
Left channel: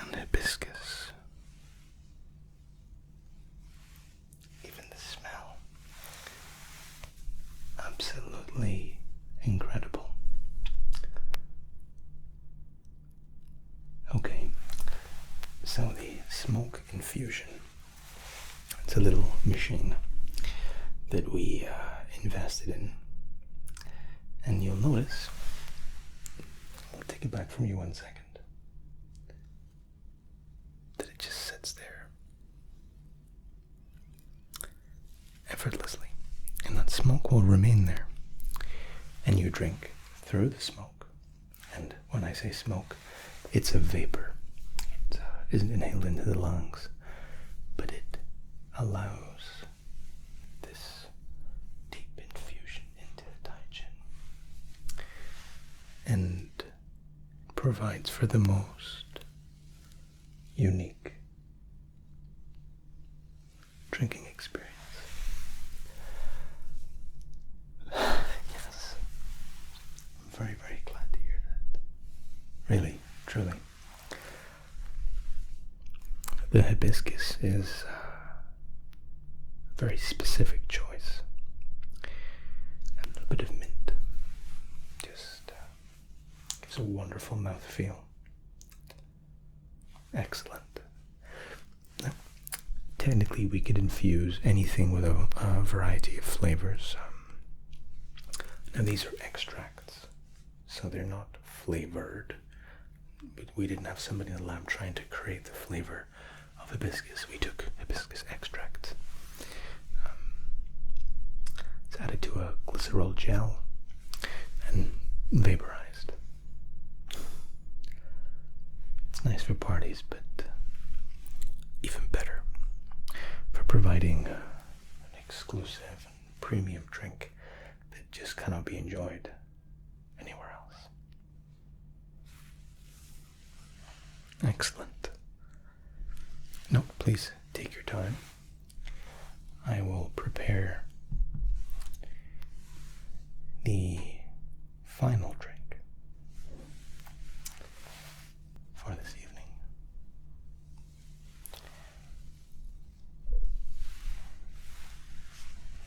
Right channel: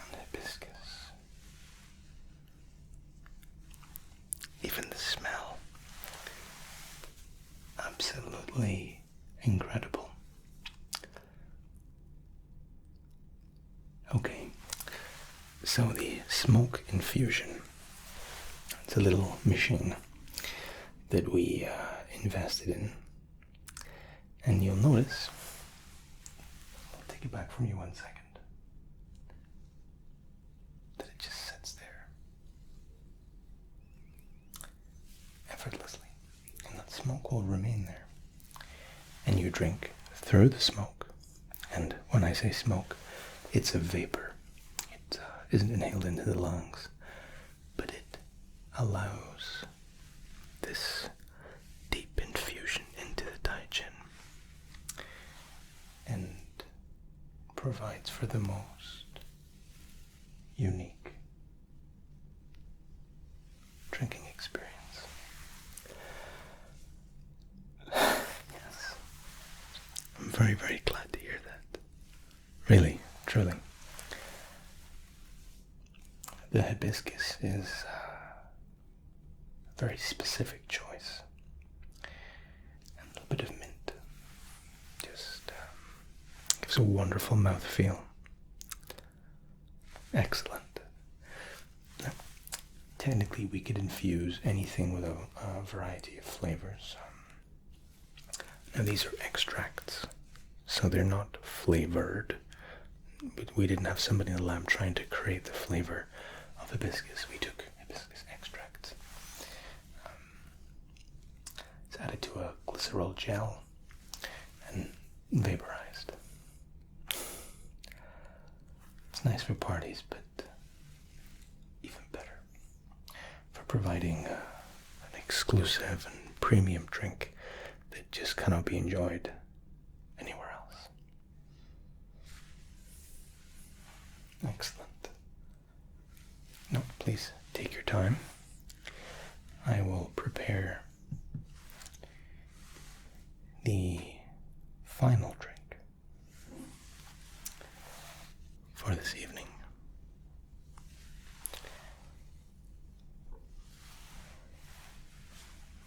and hibiscus. Even the smell, absolutely incredible. Okay, so the smoke infusion, it's a little machine that we invested in, and you'll notice, I'll take it back from you 1 second, that it just sits there effortlessly, and that smoke will remain there, and you drink through the smoke. And when I say smoke, it's a vapor. It isn't inhaled into the lungs. allows this deep infusion into the taijin and provides for the most unique drinking experience. Yes. I'm very, very glad to hear that. Really, truly. The hibiscus is a very specific choice. And a little bit of mint just gives a wonderful mouthfeel. Excellent. Now, technically, we could infuse anything with a variety of flavors. Now, these are extracts, so they're not flavored. We didn't have somebody in the lab trying to create the flavor of hibiscus. We took hibiscus extract. It's added to a glycerol gel and vaporized. It's nice for parties, but even better for providing an exclusive and premium drink that just cannot be enjoyed anywhere else. Excellent. No, please take your time. I will prepare the final drink for this evening.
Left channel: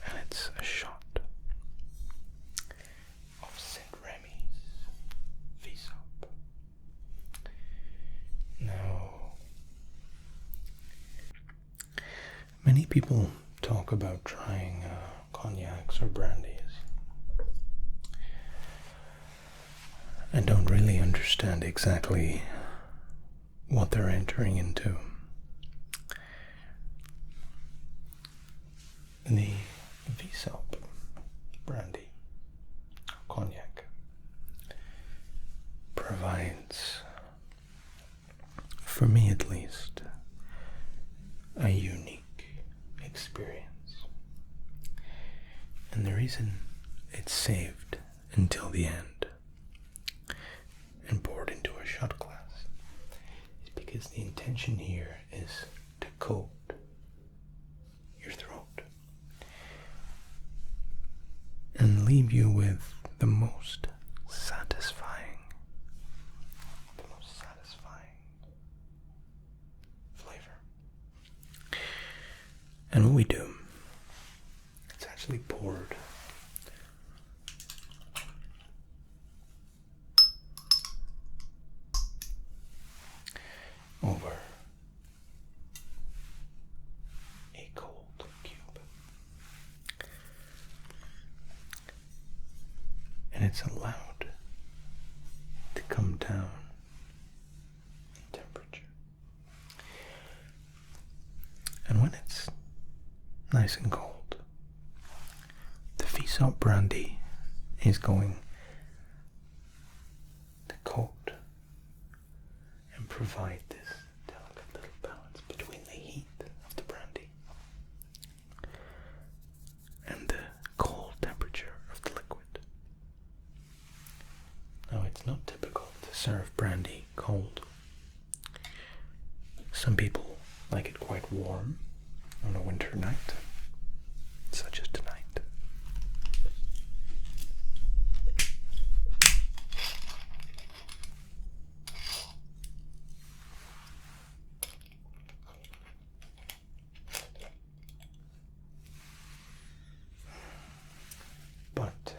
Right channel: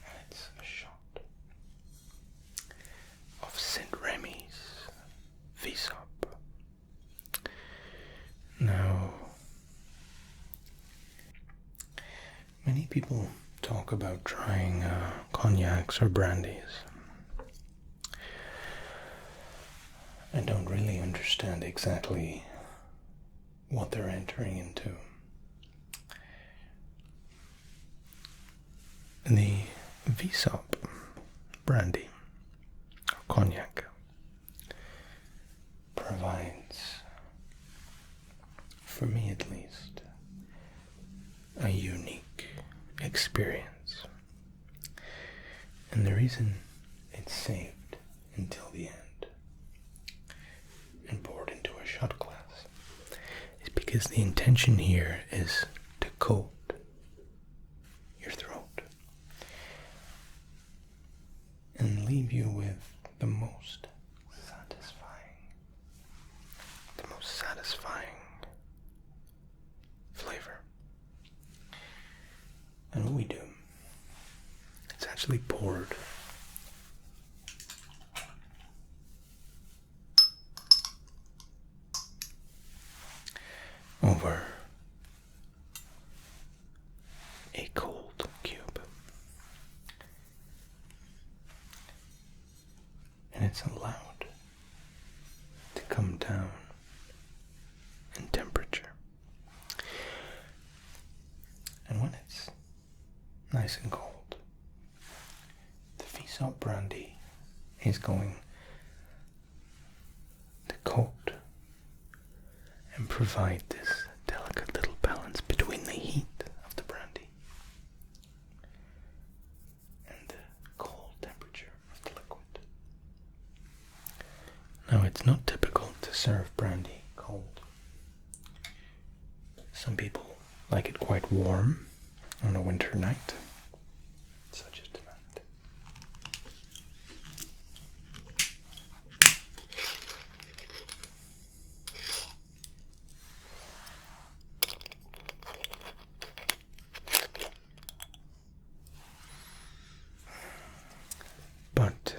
And it's a shot of St. Remy's Vsop. Now, many people talk about trying cognacs or brandies. I don't really understand exactly what they're entering into. The Vsop brandy or cognac provides, for me at least, a unique experience. And the reason it's saved until the end and poured into a shot glass is because the intention here is to coat your throat and leave you with the most satisfying flavor. And what we do, it's actually poured over a cold cube, and it's allowed to come down in temperature. And when it's nice and cold, the Vsop brandy is going to coat and provide this delicate little balance between the heat of the brandy and the cold temperature of the liquid. Now, it's not typical to serve brandy cold. Some people like it quite warm on a winter night, such as tonight. But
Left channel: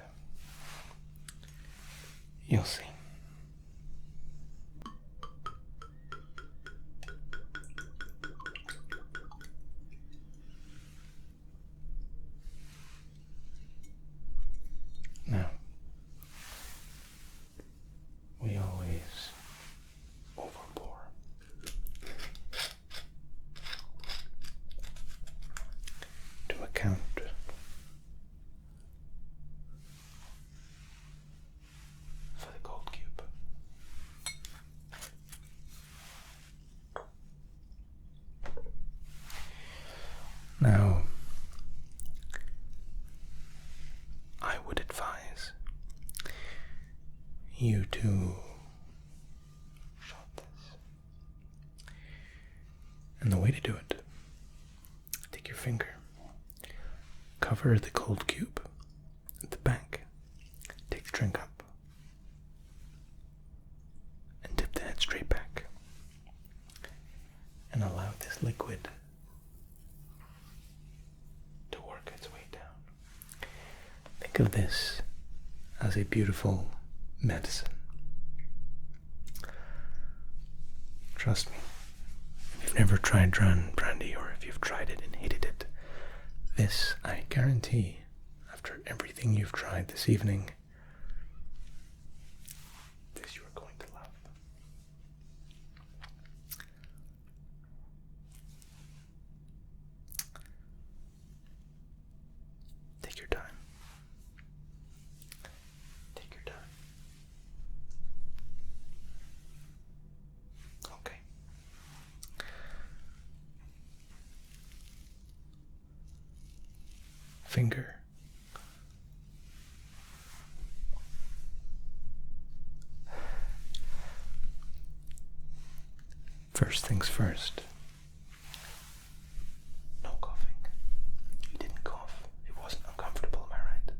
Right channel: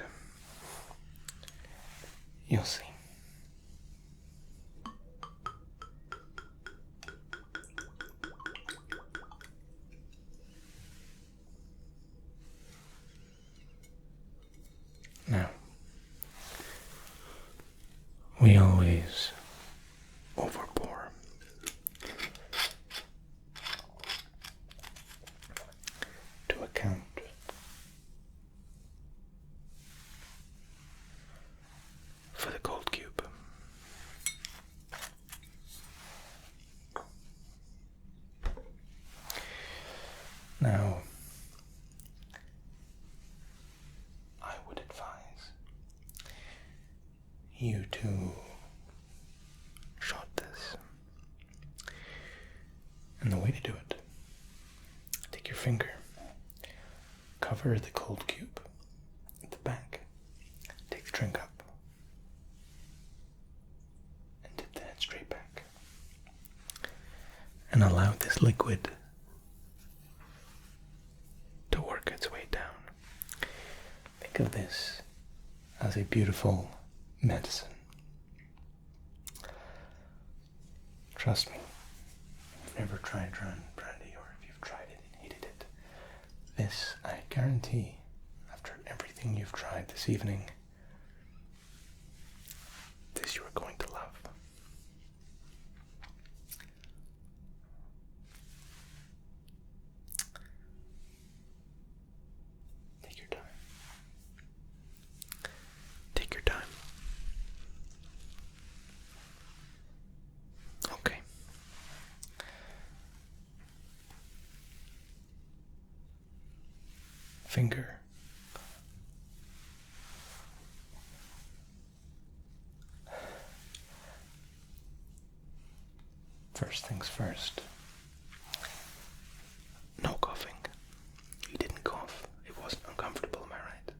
you'll see. Now, we always overpour. To account for the cold cube. you to shot this. And the way to do it, take your finger, cover the cold cube at the back, take the drink up, and dip the head straight back. And allow this liquid to work its way down. Think of this as a beautiful medicine. Trust me, if you've never tried brandy, or if you've tried it and hated it, this, I guarantee, after everything you've tried this evening, this you are going to love. Take your time. Take your time. Okay. Finger. First things first. No coughing. You didn't cough. It wasn't uncomfortable, am I right?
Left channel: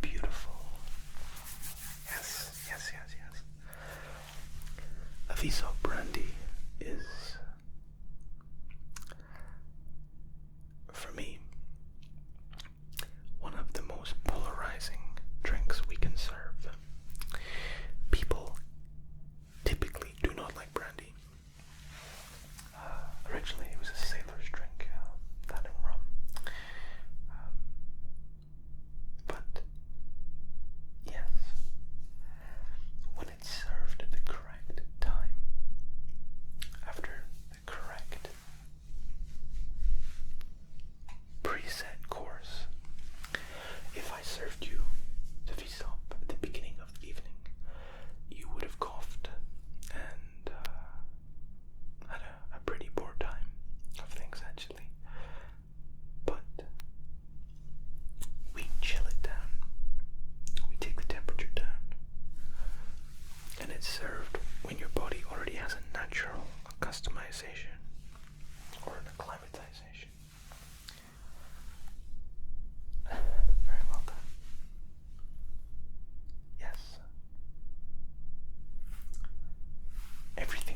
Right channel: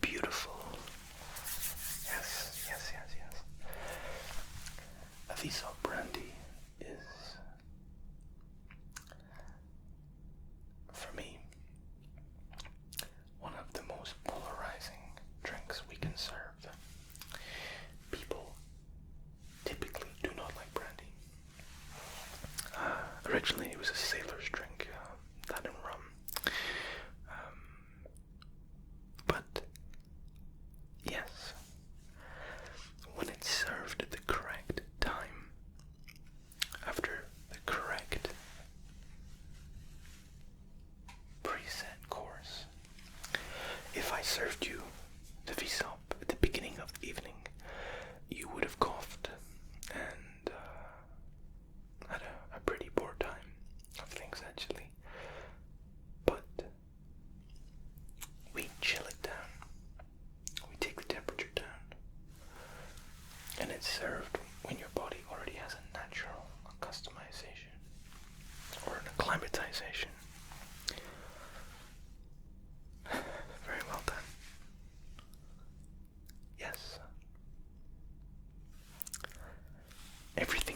Beautiful. Yes, yes, yes, yes. A Aviso brandy is, for me, one of the most polarizing drinks we can serve. People typically do not like brandy. Originally it was a sailor's drink, that and rum. But yes, when it's served at the correct time, after the correct preset course. If I served you the Visop at the beginning of the evening, you would have coughed and had a pretty poor time of things, actually. But we chill it down. We take the temperature down. And it's served when your body already has a natural customization or an acclimatization. Very well done. Yes. Everything